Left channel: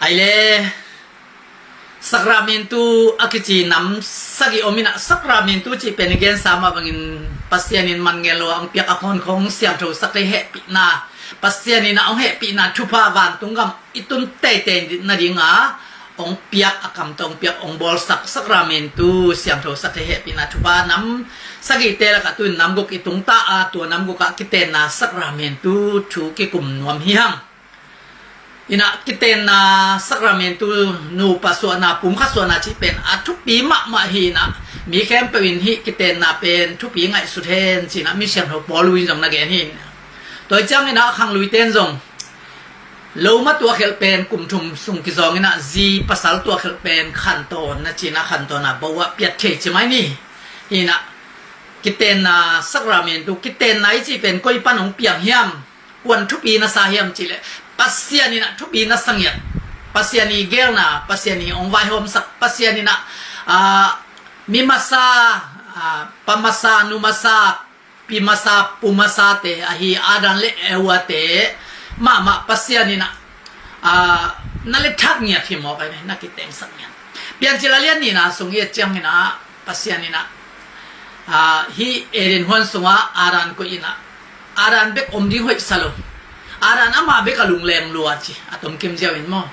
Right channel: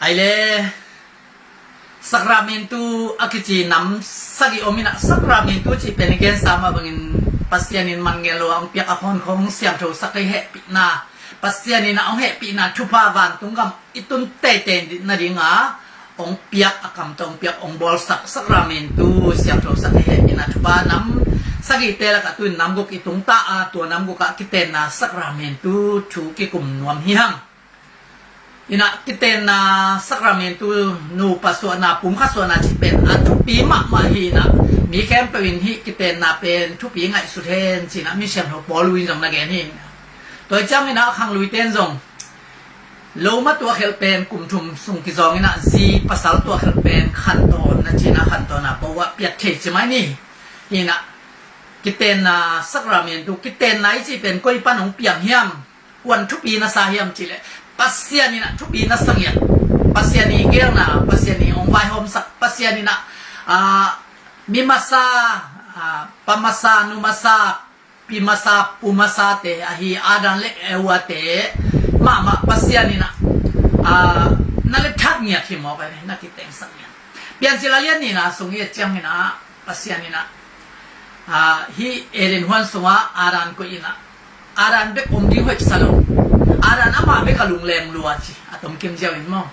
ไอเล่สักราเมนตูอากิจีน้ำสักิโอมินะสักราเมนตูจีเป็นเกณฑ์สามารถบังอินปัสยานินมันเงลวังเปียกอภรของเสียงโทสักเหตุปีนาปัสยานินะองเหตุปีนาทุพาวันตุงกำอิตุนเตเตนนาดิงาองเปียกอากำตองเปียกองบอลสักราเมนตูเสียงโทสักเหตุปีนาทุพาน้ำสักิเตละกัตุนน้ำกุกอิตุงตาตัวน้ำกุกกิเตนาสักราเมนตูชูกิกุมนวมเฮียงอินะกิเตนาสักราเมนตูนูปัสวนาปุ่มขัสวนาจิเป็นทุกปีมะมาฮีนะมีแคมเปญฮิกิเตนาเป็นทุกปีไงสุดเทนสินะมีเสียงหัวปอลุยจงนักเรียนฮิโดยจังนี่นะขังลุยเต้นจงโลมาตัวเขลเป็นกลุ่มทุมสุงกิจงนี่นะจีภาษาตัวเขลเป็นขันโตนะจีนะขันโตนะบอกว่าเปียดเทใช่ไหมนี่ฮินะกิเตนาสักราเมนตูกิเตนไหนจีเป็นก้อยปั้นของเปียงเฮียมวันทุกปีนะสาเฮียมจีเลยpasien ni nak tupi na sangyat pasien ni gerna pasien ni ong vai hom sak pasien ni nak mimasa pamasa numasa pimasa pumasa te ahi adan le ewate ma pasien ni nak nalet thak nya thi mo kai na kiteng sangyat pian chilalian ni na sungye chang ni na pasien ni na hi erin hwan sunga aran ko ina aran bek om di hoi salo aran ama be kalung lem luachi atom kim jawin mo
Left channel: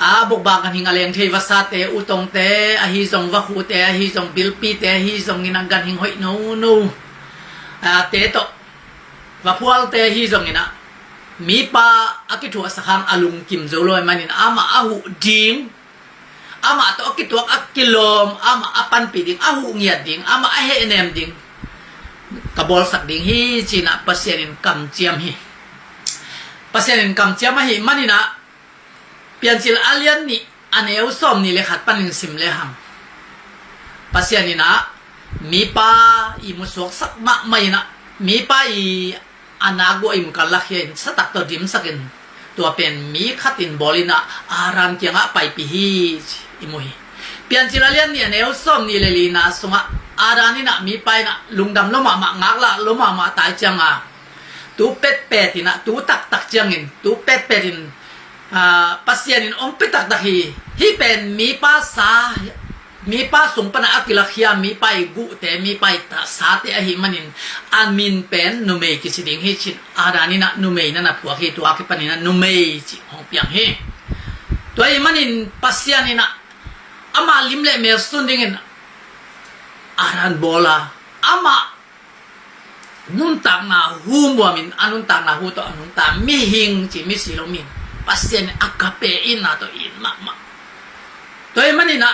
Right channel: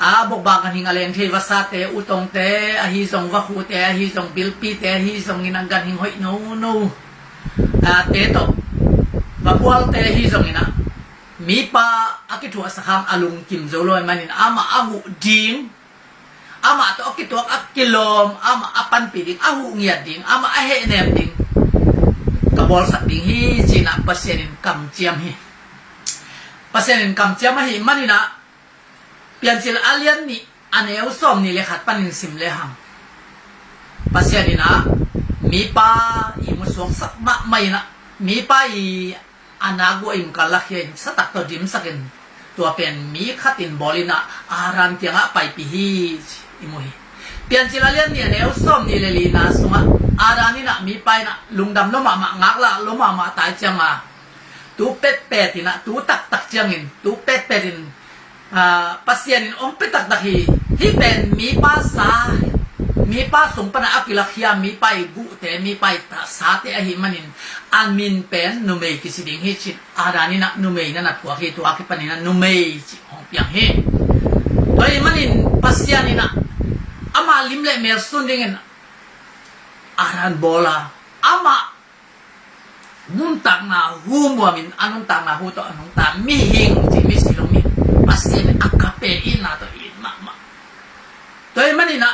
bok bagan hinga leng thei wasate utong te ahi jong wa khu te ahi jong bilpi te ahi jong inanggan hing hoi no te to wa pual te hi jong ina mi pa akitu asakang alung kim joloi manin ama ahu ding ama to akitu akilom ama apan piding ahu ngiat ding ama ahe nem ding kabol sak ding hi china pasienin kam chiam hi pasien kam chiama hi manina pianchil alian ni aneu som ni le khat panin sim le hang pasien ina mi pa i musok sak ma mai na mi pa i anago im kalak hen satak to dim sakin tua pen mi khatin bolina aran kyanga pai pi hi imuhi pianchil alian ni aneu som ni le lina sunga arani na mi pai na lungdam lo ma ngak la lo ma tai changa tu pet ina tu tak jangin tu pet in pasienin om petak dahi hi ben mi pa sung pana akilakhia mi pa gu te mi pa ta sa te ahi manin amin pen numei kisiding hi chit adani na numei na puwa hi tu aki panina numei chi hong piang he to ai manin pasianina ama limle mer sundingin aran bola ama nun tak na hu muamin anun tak na hu to anun ta mi hing ji mi silomi pasien akape ina to in ma to i manina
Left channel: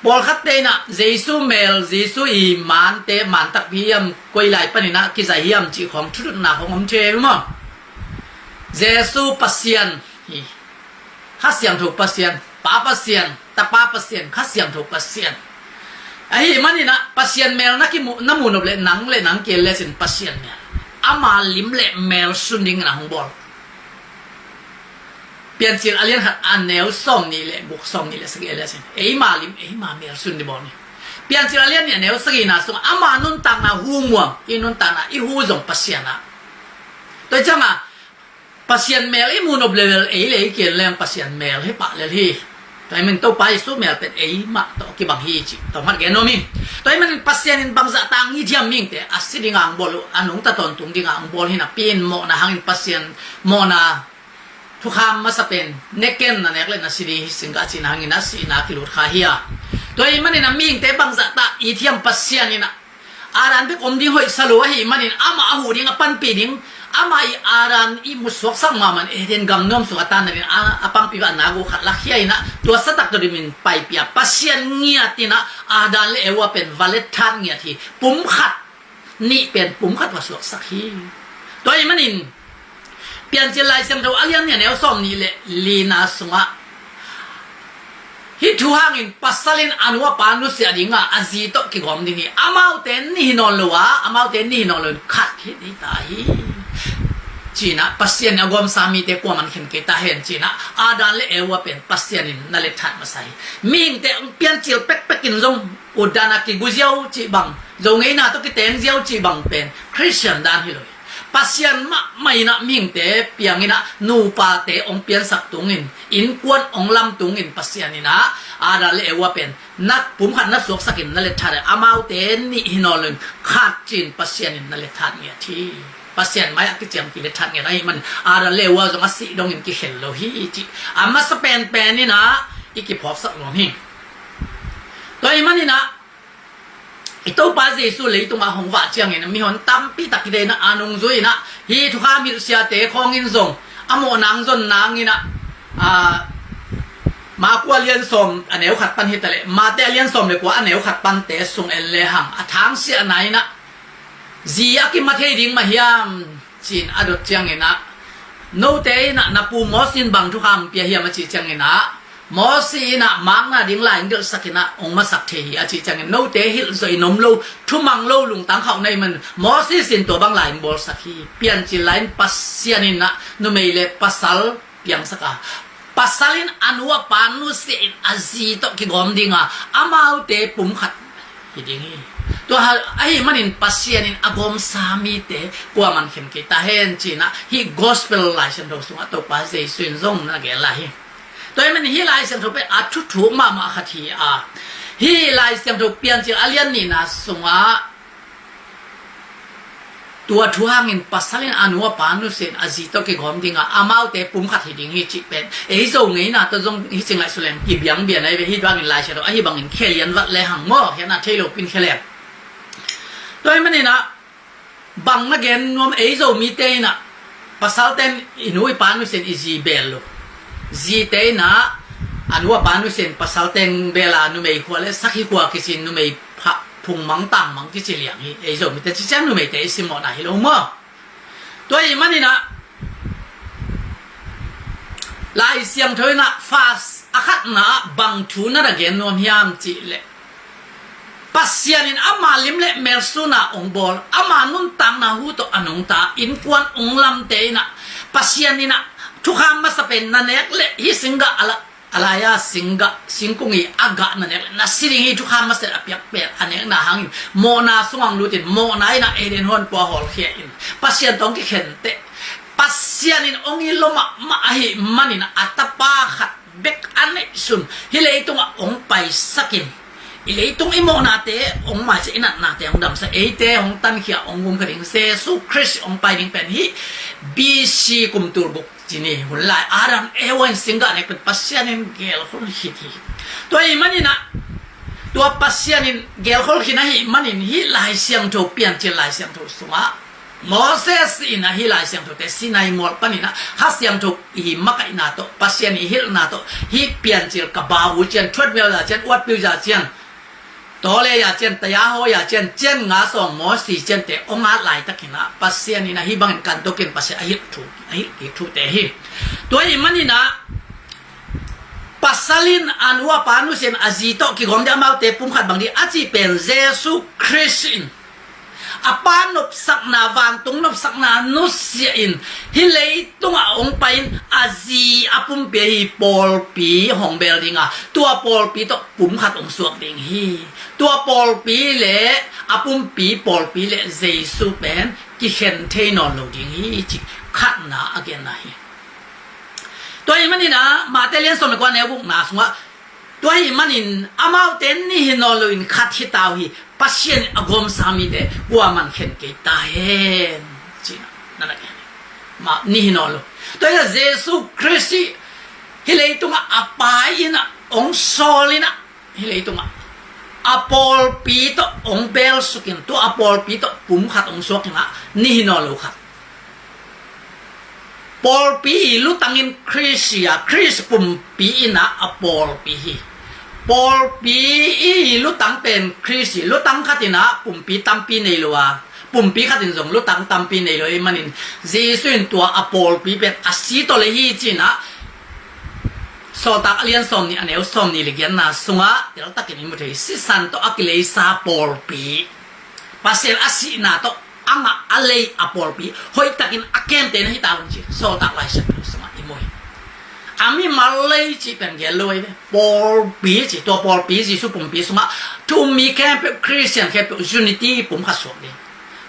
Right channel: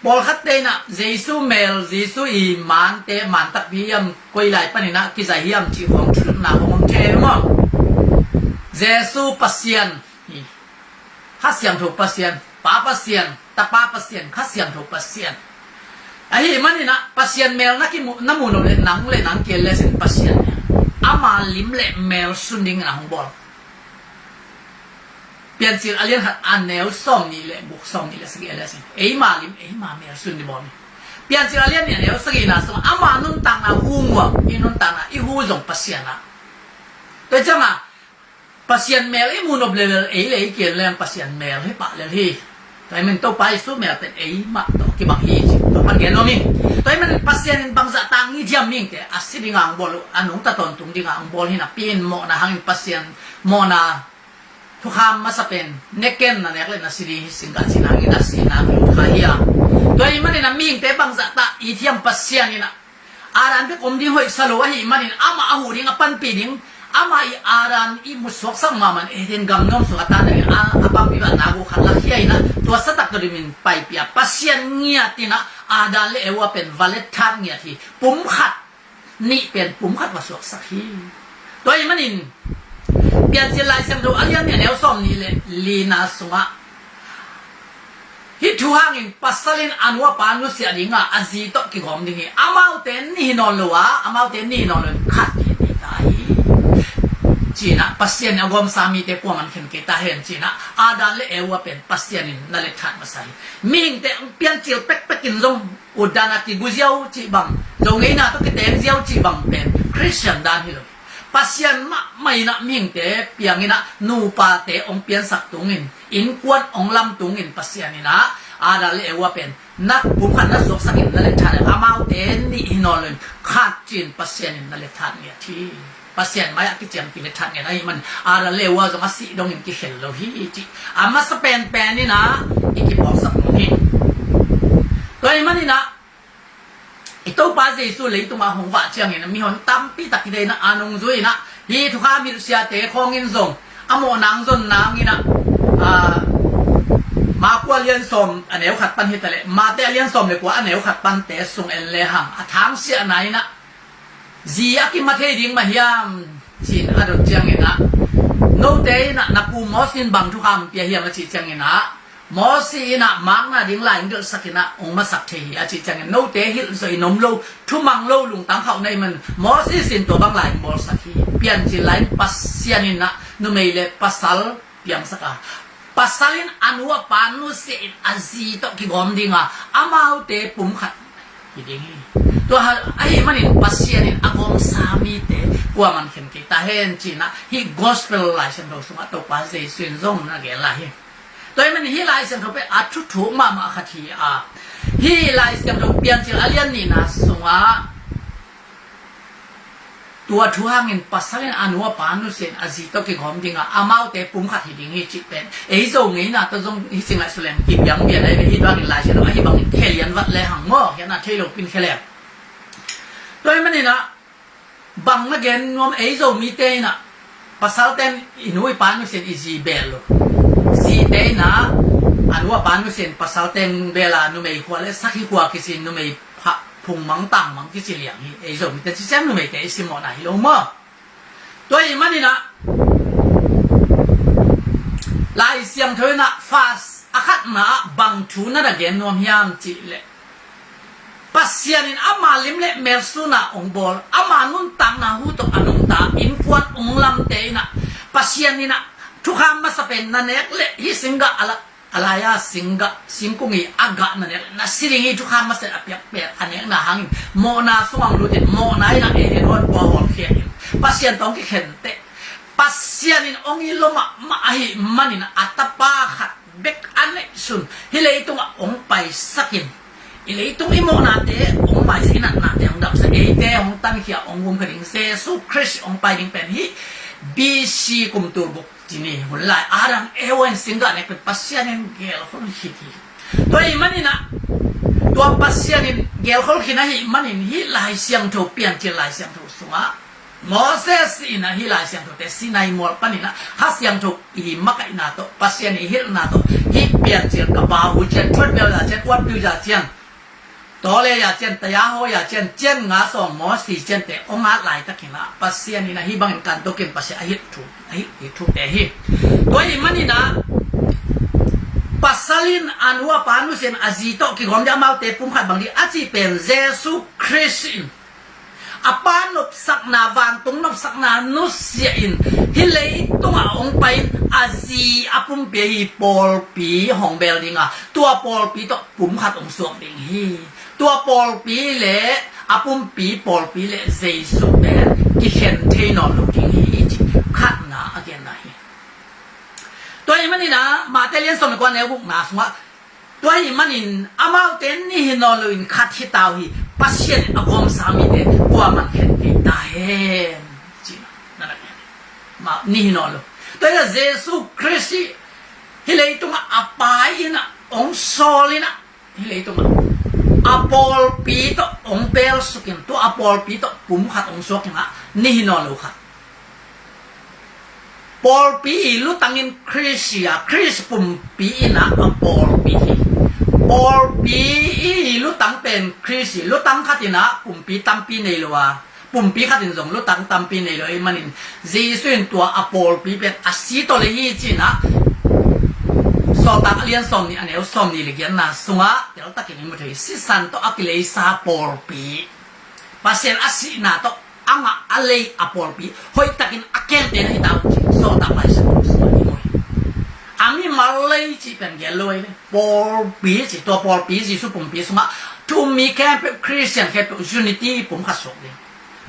bol khatte na jesu mel jesu i man te man tak hiam koi lai panina ki sai hiam chi khom thut na khom che mo jesu pasien hi khasyam thu pasien pa pasien ta pa pasien khasyam thu pasien ahi manina pasien mel na ki namunob le nang kel le sin pasien ama lim le mel sunding na hongbol pian chil alien hat anel som ni le buk som ni le sagi le sin ma mel sundi bol ni pian chil alien ni anel sagi na so ama nun tang na hu muam inun tang na i hu jong pasien na to chama pasien mel i munob le le kel le pasien mel he pa le hi tay mình tàu bay số mèo tên ấy mà tàu cái bằng hi chỉ tàu mặt cái nó mi tay mình pasien bằng dạ tang như thiam mình cái asit đi ngang bol anong ta ton tung đi ngang bol hina pin mo na hangin pasien mo na thu kham ma sa pen neken na nekle na sili singa chinangin na sina kilut khahia tay mình na ming te bằng dạ ta i thiam pasien ina aran be om di hoi salo hi manin ama ahu ding apan pi ding ama i aran i muswak sang maman den gam nom su atan na apang pi ba nago khala khiai na to satak to dimin pai pia pasien ngia tina adan le ewa pen valet than ngia thi pum khat ni pen pum khat wa swak sak hi toy manin pian che lai sang do alian ne neu som ni le lina sunga hi thu hangin pasalin anwa panu sia dinga azi to ki gom dingi amau ten ni non lowa amau ten ni non lo khat ki dei tai China pasien agom sami te ko man khen ke ta hen China adan le ewa pen pasien na le that masai ming te pian chil pek in zong udana ki guziao chi bang zong ei na to ki ten ziao chi bang pen Christian dan hi lo ปัสยันมะไม่นะมิงเตะเปียงินะนูปาเตองเปียนสักตุงินอินกวนองลำตุงินปัสยันนี่นะอาดาเลวะเป็นนักปุ่มขันนักสวกสักินนั่นแหละท่านอามาเตนี่ฮินอลนขาดจีนปัสยันนั่นแหละท่านเนี่ยที่ปัสยันไม่อยากเจียมกิเลท่านเนี่ยไรมันอาดาเลวะจงอาศัยดงอินกิเฮลโลฮีจิอามาสเปนเป็นนี่นะอีกิปอบสักโลหิตัวมันนี่นะitu pas Yesus le itu mah hongwa chiang ina mi hon tampi takide na anong zui na hi thuka mi sia te khong in zong amo nang zon nang ina ma kwa lian som aneu khat pan hitale ma te lian som le kwa aneu khat pan te sung en le hang athang sia nai na zia ki ma thei ding ma hiam chin adot chiang ina no te na na pu mo sin bang thuka mi pia hiam ma chi chiang inaมอสีน่ะมังน่ะดิ้งไหลเดือดสักนะองมาสักเทียอาจีจังโนเตหิลสวยนมโลทุ่มังโลลุงตังเขาในมันมอสีสินตัวบางไหลบอลสักทีเปลี่ยนจีไหลปัสเซียนินะนุเมเลปัสซัลเปียงสักปัสซัลินอนุวปานุเสียนอาซีตกิกอมดิ้งอามาเตปุ่มขัดฮิดิ้งตัวไอ้มันอินปัสเซียนินอากงสามีเตกว่ามันเข็มกีตาเห็นจีนะฮิกอสเปลไลชันโดสุงตัวปัสเซซุนซงนะเกล่ะฮิตัวมันฮีไลเซนเขาไปอัดชุดถูกมาคดีฮีไลเซนเขาเปลี่ยนจากอเลียนนี่นะสงตัวทุหางินปัสสาวะอนุวปานุเซนอาจิตกิกอมดิ้งอามาเตปุ่มขัดหิดิ้งฮีจิเป็นทรงนี้นะตัวทรงฮีจิงไลสุเลนกิบยังเบียร์อะไรไปฮีบางอินไลเชนไอ้บางอินแค่เลียนวัดเลยหังหม้อแค่นั้นเทโลปินแค่แหลกตัวมันนี่นะบางนักเรียนนวมทรงมีเตนะปัสสาวะอนุวปานุเซนอิจิเบลโลsi te na anwa panu sen pasal ten bela nu mei khwa le sakhi khwa kisin nu mei pha phung mang tang mang ki chi liang hi ei zo mi te chi chan nu mei te si mo na hi lo mo to i mani na lai siam thoi na fas akhat na bang thu na da gen nom hiam chi le pasyanin ama lim le mel su na ong bol ama nun tang na hu to anong ta in kwan ong lam te na pasyaninaทุกคำมาสเป็นนั่นเองเลยฮิสิงกะอะไรอะสิงกุงีอากานั่นเองนั่นสิ่งที่ทุกคำมาเสร็จเปียกเปียกอันนี้น่าหังโมนาสว่างรู้จิตโมนาไอ้น่ะเอเดนฮอนบัวหอลเขียนปัสยันต้องกิเข็นเตปัสยันินองยิลมาหิมันนี่นะอัตปาขัดเบกอันนี้สุนฮิเลยตรงองไปสักินฮิเลยตรงอิโมนาเตองมาสินันนาเตองดำเสเอเตองตันเขียองกุมกระดิ่งเซซูคริสองไปดิ่งเป็นฮิบีซีกุมตูบุกจีนี่หุ่นลายอารังวันสิงห์เนี่ยเป็นปัสยานินเกลคนฮิตตัวอีมันนี่นะตัวปัสยานินเกลคนฮิตนะฮิมันนี่ฮิลายเสียงโทเปลี่ยนจีลายเสียงโทสงะมอเสสอินะฮิลายเสียงโทแต่สินายมอลปานี่นะฮัสเสียงโทฮิมักอินาโตปัสยานิฮิลนาโตฮิเปลี่ยนจีกับบาวูเจนทวดเบลยาเจนวัดบิวจาเจนตัวเลยยาเจนตยาโฮยาเจนเจนงาส่งมอสีเจนแต่องอาหลายตะกินะปัสยานินะฮิบังกันตัวกินปัสยาฮิถูถูแต่ฮิตัวอีมันนี่นะปัสสลินอันว่าปานุเซนอาจิโตกิกอมจะมาเตปุ่มขัดบางทีอาจิเป็นเยซูคริสต์อปานบสักนาวันตรงนบสักนานุสเซียนฮิเลยตรงองไปอาจีอปุ่มเปียปอลปีหองเบลดิงตัวปอลปีตปุ่มขัดองสวกดิงฮีตัวปอลปีเละอปุ่มปีปอลปีเละเยซูเบนกิเห็นเทนอนลูกิงฮีจิขัดนาอเกนนาฮีตัวอีมันนี่นะมาเตเลียนสมัยก่อนแนวบุกนาสงว่าตัวอีมันนี่อามาเตนนี่ฮินอลุนขัดฮิตาวฮีปัสเซียนอากอมสามีเดกว่ามันเห็นกีตาเห็นจีนั่นแหละมานี่ฮินอลุตัวเยซูคริสต์ฮิเลยตรงอาปายนะองโซลินะฮิเลยตรงอาปอลปีโตองเบลสุกินตัวอาปอลปีโตปุ่มขัดองสวกนะนี่ฮินอลุขัดปอลปีลุตังอินคริสยาคริสปุ่มปีนะอปอลปีปอลปีลุตังเป็นคริสลุตังขัดินะปุ่มปีตัมปีในลัวปุ่มปีขัดินส่งลุตังตัมปีในลัวมันอินเจสุนตัวอปอลปีเป็นอาศิโตเลยจีนะสอตักเลียนสมนี่อันเอวสมนี่เลยกันนะสงะเดี๋ยวตักกินมุทัยสิสันโตอักเลซาปอลปีปัสเซลอาศินาโตanga alay apolpi hoy takin aken ten hitaw chi so ta pai sa so ni moi ami malay chi pen geloi polpi chi to polpi chi su pum pi suma to mi camp christian camp unity pum kha so ni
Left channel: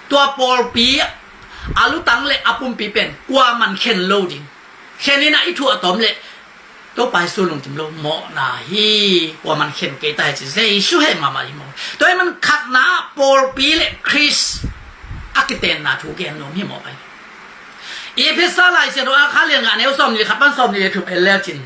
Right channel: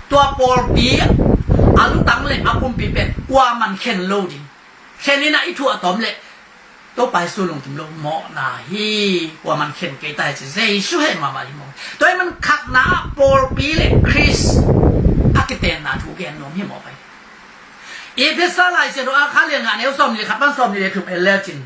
to polpi อาลุตังเลยอาปุ่มปีเป็นกว่ามันเข็นโลดิงแค่นี้นะอีทั่วตอมเลยตัวไปสู้ลงถึงโลหมอนาฮีกว่ามันเข็นเกยตายจะเซช่วยมาอีโมตัวมันขัดนาโปลปีเลยคริสอากิเตนนาถูกแกนนมให้หมอไปอีพิซซ่าไลเซโดอาคาเลียงานเอลซอมนี่ครับมันซอมนี่ถูกเอลเลจิน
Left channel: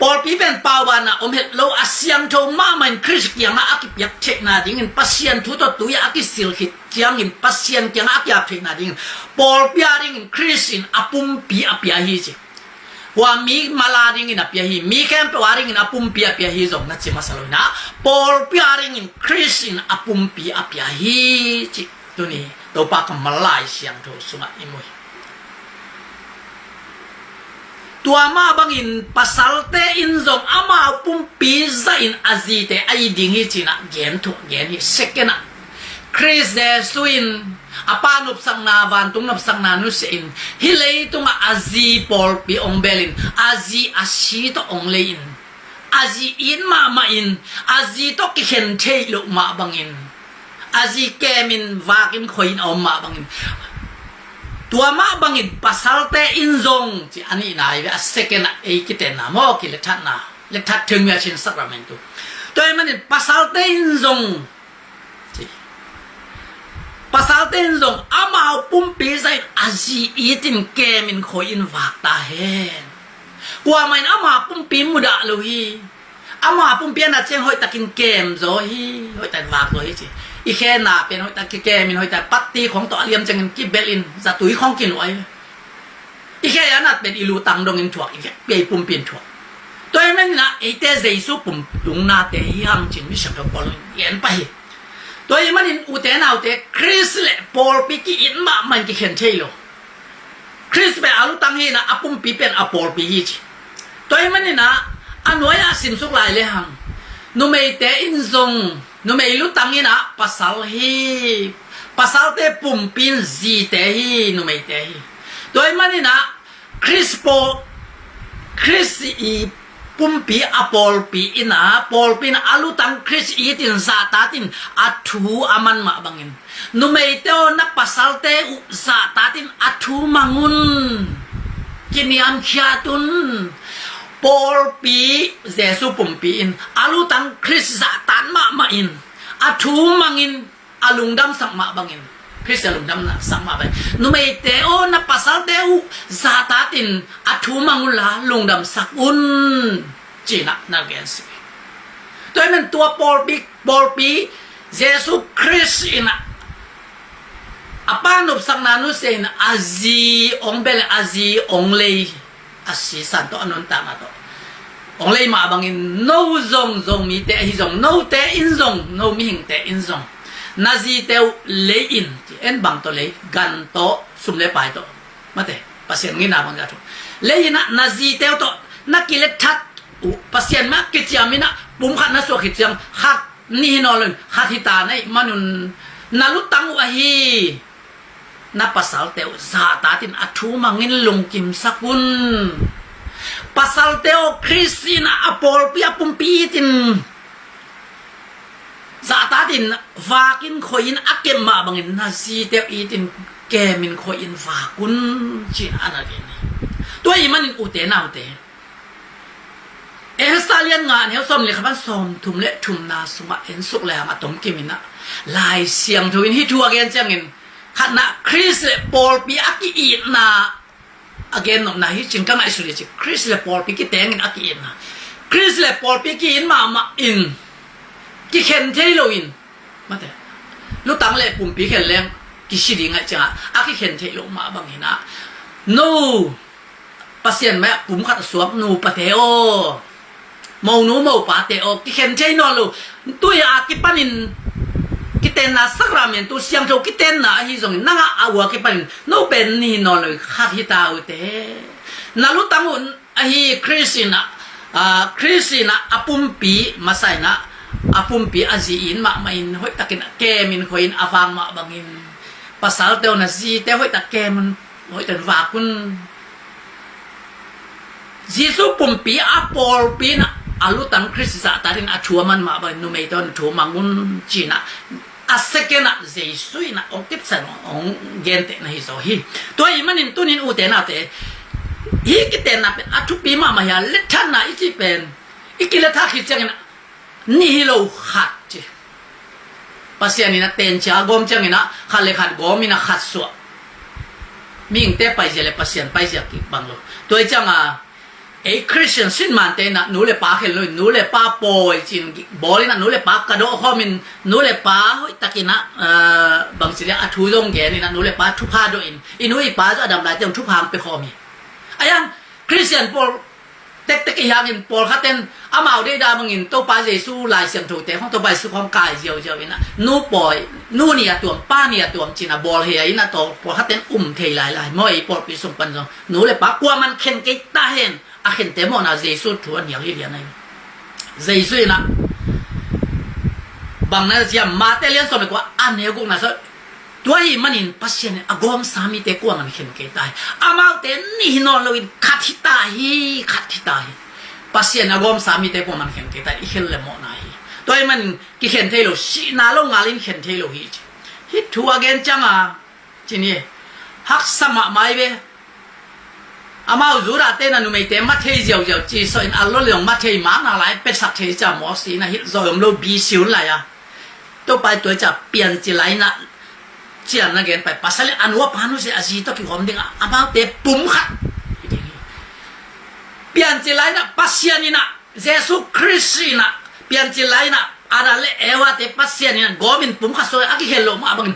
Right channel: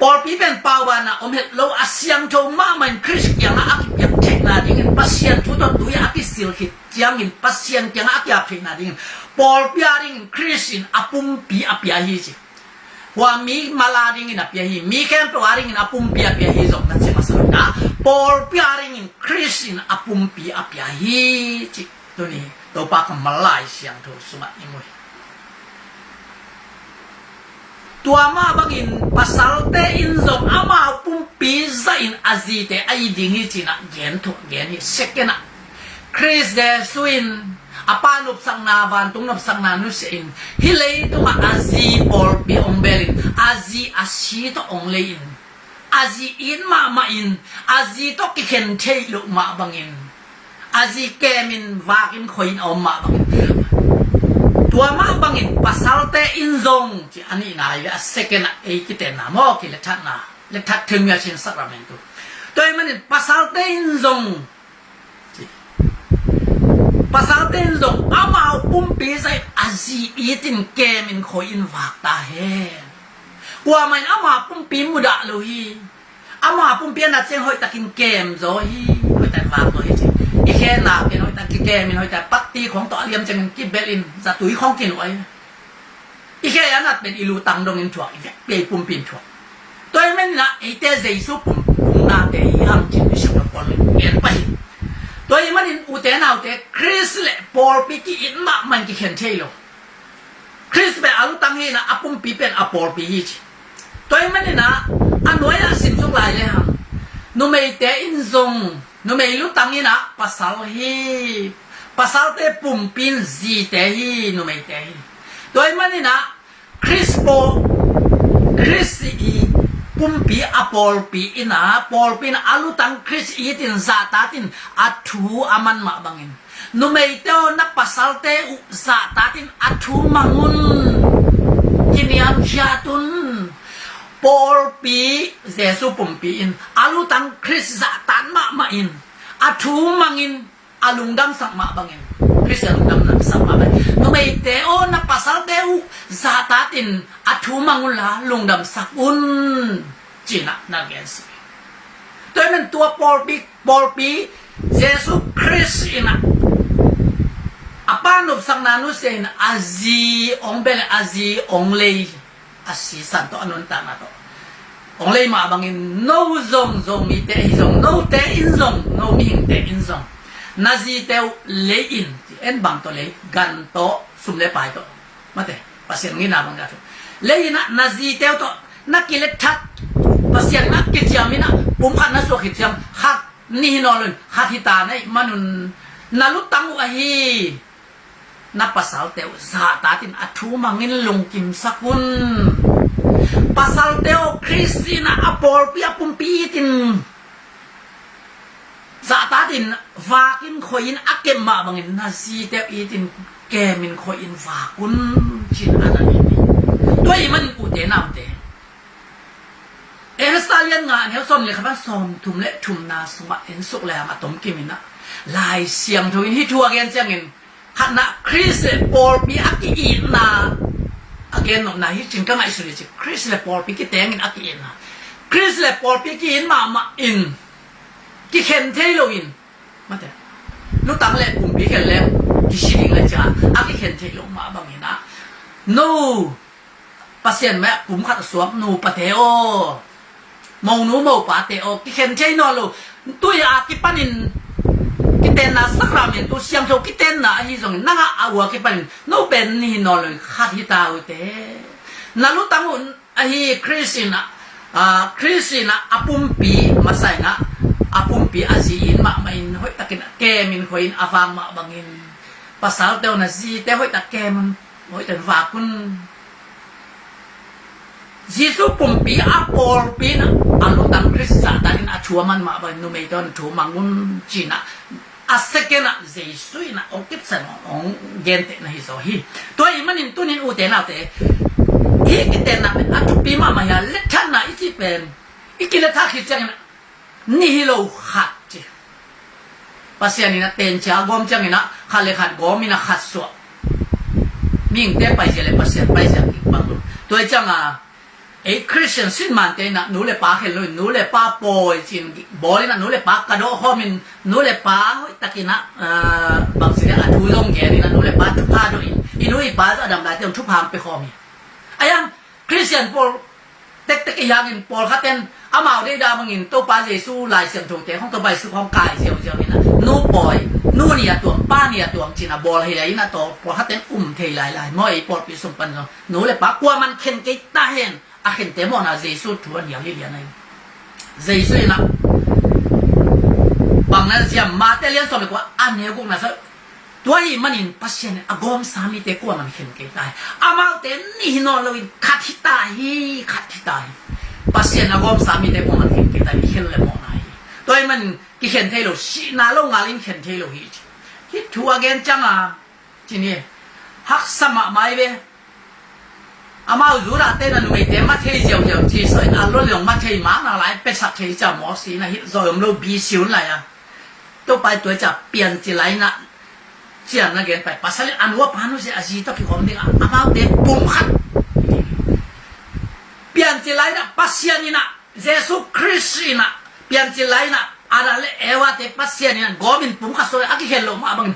ปอลปีเป็นปาวานะอมเห็ดโลอาเซียงโจมามันคริสเกียงอากิยับเทคนาดิ่งปัสเซียนทุตตุยอากิสิลคิดเจียงอินปัสเซียนเกียงอากิยับเทคนาดิ่งปอลปีอาดิ่งคริสอินอาปุ่มปีอาปีอาฮิจิว่ามีมาลาดิ่งอินอาปีอาฮิมีแค่ตัวอาดิ่งอินอาปุ่มปีอาปีอาฮิจงนั่นใช่ไหมสรุปนะปอลปีอาดิ่งอินคริสอินอาปุ่มปีอาปีอาฮิจิตัวนี้ตัวปากมันมาลายเสียงโทสุมาอิมวยตัวมาบังอินปัสสัลเตอินซงอามาปุ่มปีซาอินอาซีเตไอดิ่งฮิจินะเกนทุกเกนฮิเซกนะคริสเดสุอินอาปานุบสังนาวันตุงนับสังนานุสอินฮิเลยตุงอาซีปอลปีองเบลินอาซีอาชีตองเลอินอาซีอินมาอินอาซีตกิเข็นเทลุมาบังอินอาซีเกมินวากิมคอยน์อมมาบังอินตัวมาบังอินปัสสัลเตอินซงที่อันนี้นายว่าเซกันเอกิเตนะมอกิเลทัดนะเลทัดถึงยาชินสักราเมนตุตัวมันอินปัสสัลเตอินซงปัสสัลเตอินซงอามาปุ่มปีใส่อาซีอีตินเกมินคอยน์วากตาเฮนกว่ามันอามาปุ่มปีมุดะลุยอามาปุ่มปีน่ะเจงหอยตะกินเกมโซฮีหอยแต่วากโซฮีจีอีแค่นาเป็นหอยตะกินเกมินหอยแต่ปัตตีของตัวเลียมจังกินกิเบลินจะตุยของกินไว้อีแค่ยันนัดเป็นอิลูตังดงอินถั่วอีแค่เปียปุ่มปีนถั่วตัวมันนะไอเตเจสุปุ่มตุงนาเตยังจินมิชกับปอลเย็นไปตัวมันอินอุเตนาอุเตคริสเลปอลปีกิอินมามันกิเข็นเชยโลคริสเป็นอาลุตังฮีนะอปุ่มปีเป็นอปอลปีฮีจิตัวมันนี่นะอันน้อยอาสิมสุกลายเลยฮะนุเมเตอินซงนุเมลุตังนี่นะภาษาเตปุ่มปินซีเตฮีนุเมเตฮีตัวมันนี่นะคริสอีปุ่มปีอปอลปีอินะปอลปีนะอาลุตังคริสอีตินซาตาตินอัทูอามันมาบังอินนุเมเตโอนักภาษาเตอุซาตาตินอัทูมังุนจินิอัมขียตุนปอลปีเจสุปุ่มปีอินอาลุตังคริสซาตานมาอินอัทูมังอินอาลุงดำสักมาบังอินคริสอาลุงดำนักสักมาบังนุเมเตโอนักภาษาเตอุซาตาตินอัทูมังุลาลุงดำสักอุนจีนักนักเรียนสิตัวนั้นตัวปอลปีเจสุคริสอินะอาปานุบสังนานุเซนอาซีองเบลอาซีองเลยอาศิสันโตอนุนตามาโตองเลยมาบังอินโนซงมีเตอิซงโนเตอินซงโนมีหิงเตอินซงนาซีเตวเลอินเอ็นบังโตเลยกันโตสุมเลปายโตมาเตปัสเซียนงี้นาบังกาโตเลอินะนาซีเตวโตนักกิเลทัดปัสเซียนมากิจยามินะปุ่มขัดนัสวกิจยามขัดนี่นอลนขัดฮิตาในมนุนนาลุตังวะฮีนับภาษาเตวซาตาตินอัทูมังินลงกิมสักุนภาษาเตวคริสตินาอปอลปีอปุ่มปีตินซาตาตินฟากินคอยนอักเกมมาบังอินนาซีเตวอีตินแกมินคอยนฟากุนจินอันนี้ตัวอีมันอุเตนาวเตเอสซาเลียนงานเฮลซอมเลยครับว่าซอมทุมเละทุมนาสมาเอ็นสุกแล้วมาตมกิมินะลายเสียงทวินที่ทัวเกนจังอินขณะคริสเลปอลปีอักอินนาอักเกนนนะฮิจิงกังไอสุริจิคริสเลปอลปีกิเตงินอักอินนะคริสเลปอลปีกินมาอินกิเข็นเทโลอินมาแต่ลูกตังเลปุ่มปีเข็นแล้วกิชิลิงอาจารย์อักกิเข็นเทโลมาบางทีนะนูปัสเซียนแม่ปุ่มขัดสวมนูปะเทโอมองนูมองปะเทโอกิเข็นเทนอลูตุยอากิปันินกิเตนะสักราเมนตัวเสียงโจกิเตนะฮิซงนั่งอาวัวกิปันโนเป็นนี่นอเลยขัดฮิตาอุเตนาลุตังอุนฮิคริสตินะอปุ่มปีมาใส่นะอปุ่มปีอาซีอินมาอินหอยตะกินแกมินหอยอาฟังมาบังอินภาษาเตวนะซีเตหอยตะแกมันหอยตะฝากุนยิสุปุ่มปีอาปอลปีนะอาลุตังคริสต์ตาดินอาชัวมันมาบังนุเมตอนชัวมังุนจีนะ อาศัยกันนะเจสุยนะองค์กิจสนองเกณฑ์เตนะฮิโซฮีตัวอีมันนินตุนินอุเตนะเตอีกิเตนะเป็นอัตุปีมามาyaเล็ดท่านนะอีที่เป็นอีกิเลท่าคิดจังนะนี่ฮิโลขัดจีภาษานี่นะเต็นจากอมจังนะขัดเลยขัดกอมินะขัดสวมีอิงเตไปเจเลยภาษาไปเจกิบังโลตัวจังอ่ะไอ้คริสเตียนสินมันเตนะหนูเลยป้าเห็นเลยหนูเลยป้าปอยจริงบอลนะหนูเลยป้ากระโดดข้อมินหนูเลยป้าตะกี้นะบางสิ่งอ่ะทุยงแกนี่นะหนูเลยป้าทุพพาด้วยอินหนูอีป้าจะดำลายเต็มทุพพามไปข้อมีไอ้ยังคริสเตียนปอลเต็กอย่างอินปอลเขาเต้นอามาได้ดาบางอินตัวป้าเยซูลายเสียงถูกแต่ของตัวใบสุของกายเจียวนี่นะหนูปอยหนูเนี่ยตัวป้าเนี่ยตัวจริงนะบอลเฮียนะตัวปอลเขาเต้นเทลายมอยปอลปีสมปันจงหนูเลยป้ากลัวมันเข็นกิตาเห็นอาเห็นแต่มอนะเยซูถวนอย่างนี้เดียวนะเยซูนะบางนั้นจะมาแต่เลี้ยงสมเลยกว่าอันนี้กูนะสิตัวอีมันอินปัสเซียนอากอมสามีแต่กลัวมันเข็นกิตาอามาแต่นี่นอนเราอินขัดที่ตายปัสเซียนอากอมสามีแต่กลัวมันเข็นกิตาเข็นเลยมอนะตัวอีมันกิเข็นเทโลสีนาลงงาลินเข็นเทโลฮิตทัวเกนจังอ่ะทีนี้ฮักสมัครไม่เว้อามาจูระเต้นนุไม่เต็มมาเที่ยวจีส่วนอัลลอฮ์มาเที่ยวมาหน้าไหลเป็นสัตว์ที่จะมอสีนะฮิตจอยมโลบีสิวเลยอ่ะตัวไปตัวจะเปลี่ยนจีไรนะเจียนนั่นเกินไปภาษาอันว่าพานุเสียอาชีพต้องคิดความดิ้งอามาเด็กปุ่มขัดเปลี่ยนจีไรนะภาษานี่นะเยซูคริสต์นะเปลี่ยนจีไรนะอะไรเลยเอวะเด็กภาษานี่นะกอมินปุ่มขัดส่วนอากิเฮลโลมาบัง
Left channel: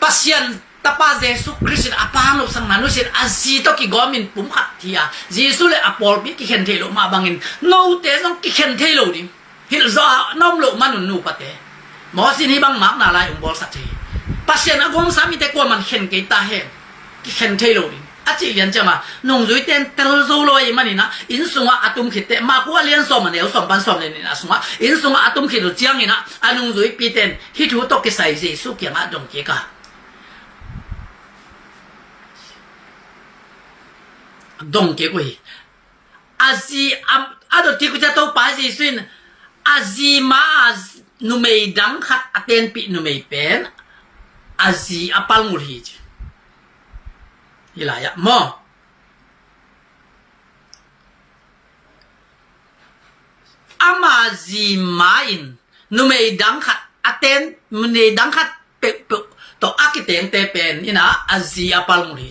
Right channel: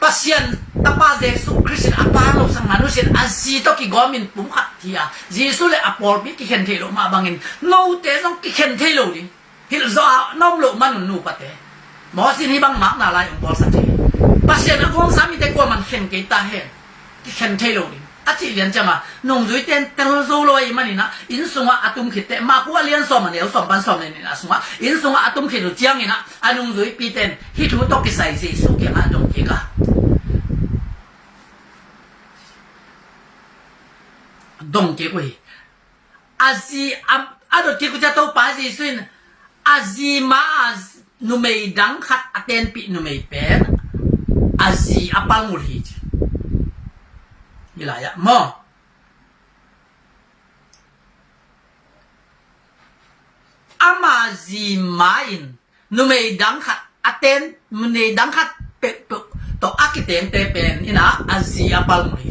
pasien tapa Yesus Kristus apang lo sang manusia azito ki gomin pumkhat thia Yesus le apol bi ki khen thelo ma bangin no te nong ki khen thelo di hil zo nom lo manun nu pate mo sin hi bang mak na lai ong bol sa che pasien agom sami te ko man khen ke ta he ki khen thelo di achi lian chama nong zui ten tel zo lo i mani na in sunga atum khite ma ku lian so man el som ban som le ni na sunga in sunga atum khit chiang ina anung zui pi ten hi thu to ki sai Yesus ki ma dong ki ka dong ke koi azi ado ti ku ja to pa ji swin azi ma nu mei dang khat aten pi nu mei pen azi apal mul hi hilaya mo amazi main nu mei dang khat aten nu mei dang khat pe to akiteng te pen ina azi apal mul hi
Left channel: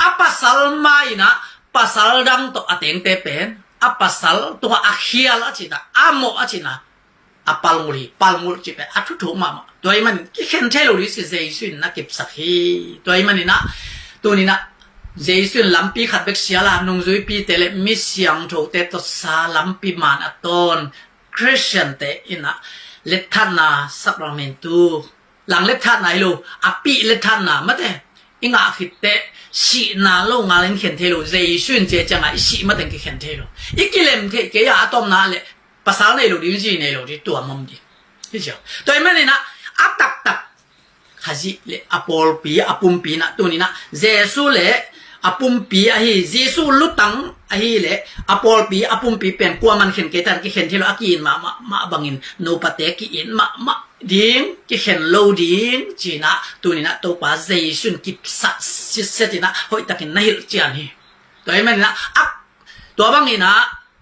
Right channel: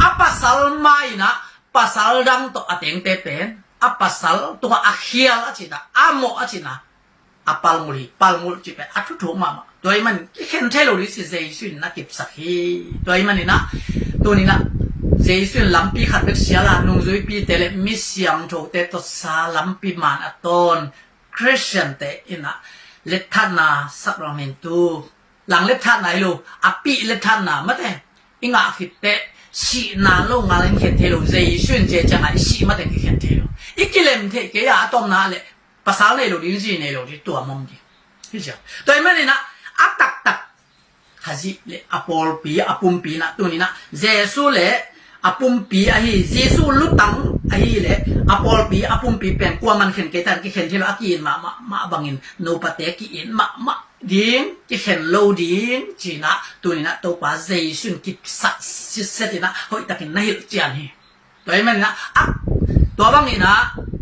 apasal mai na pasal dang to ateng te pen apasal to akhial achina amo achina apal muli palmul chipe athu thu mama toy man ki khen thelo ri si jaisun na kip sakhi toy man na to ni na jaisun lampi khat bek siala nung zui pi tele mi siang tho te to sa lampi man aton Christian te ina lethana sacramentu lang lethana ilo api lethana mate inga khitte si na lo nga len khen thelo jaisun je changa si ma ten ki khen thelo ikilem the ke ya atom na le pasal nei lo ding ji nei lo di tua mom di hi ja toi mani na atak tak haji le apol pi apum pi na tu ni na jesu le apum pi a hi jesu lutang a hi le apol pi apum pi pen kwa man khen ke tan ki khen thelo akin ma bangin no pate ki in ma ding ki khen lo ding chi na tu ni na to pa jesu ki sa si setina hoi takin na hil chian hi toi mani na ak to bang ina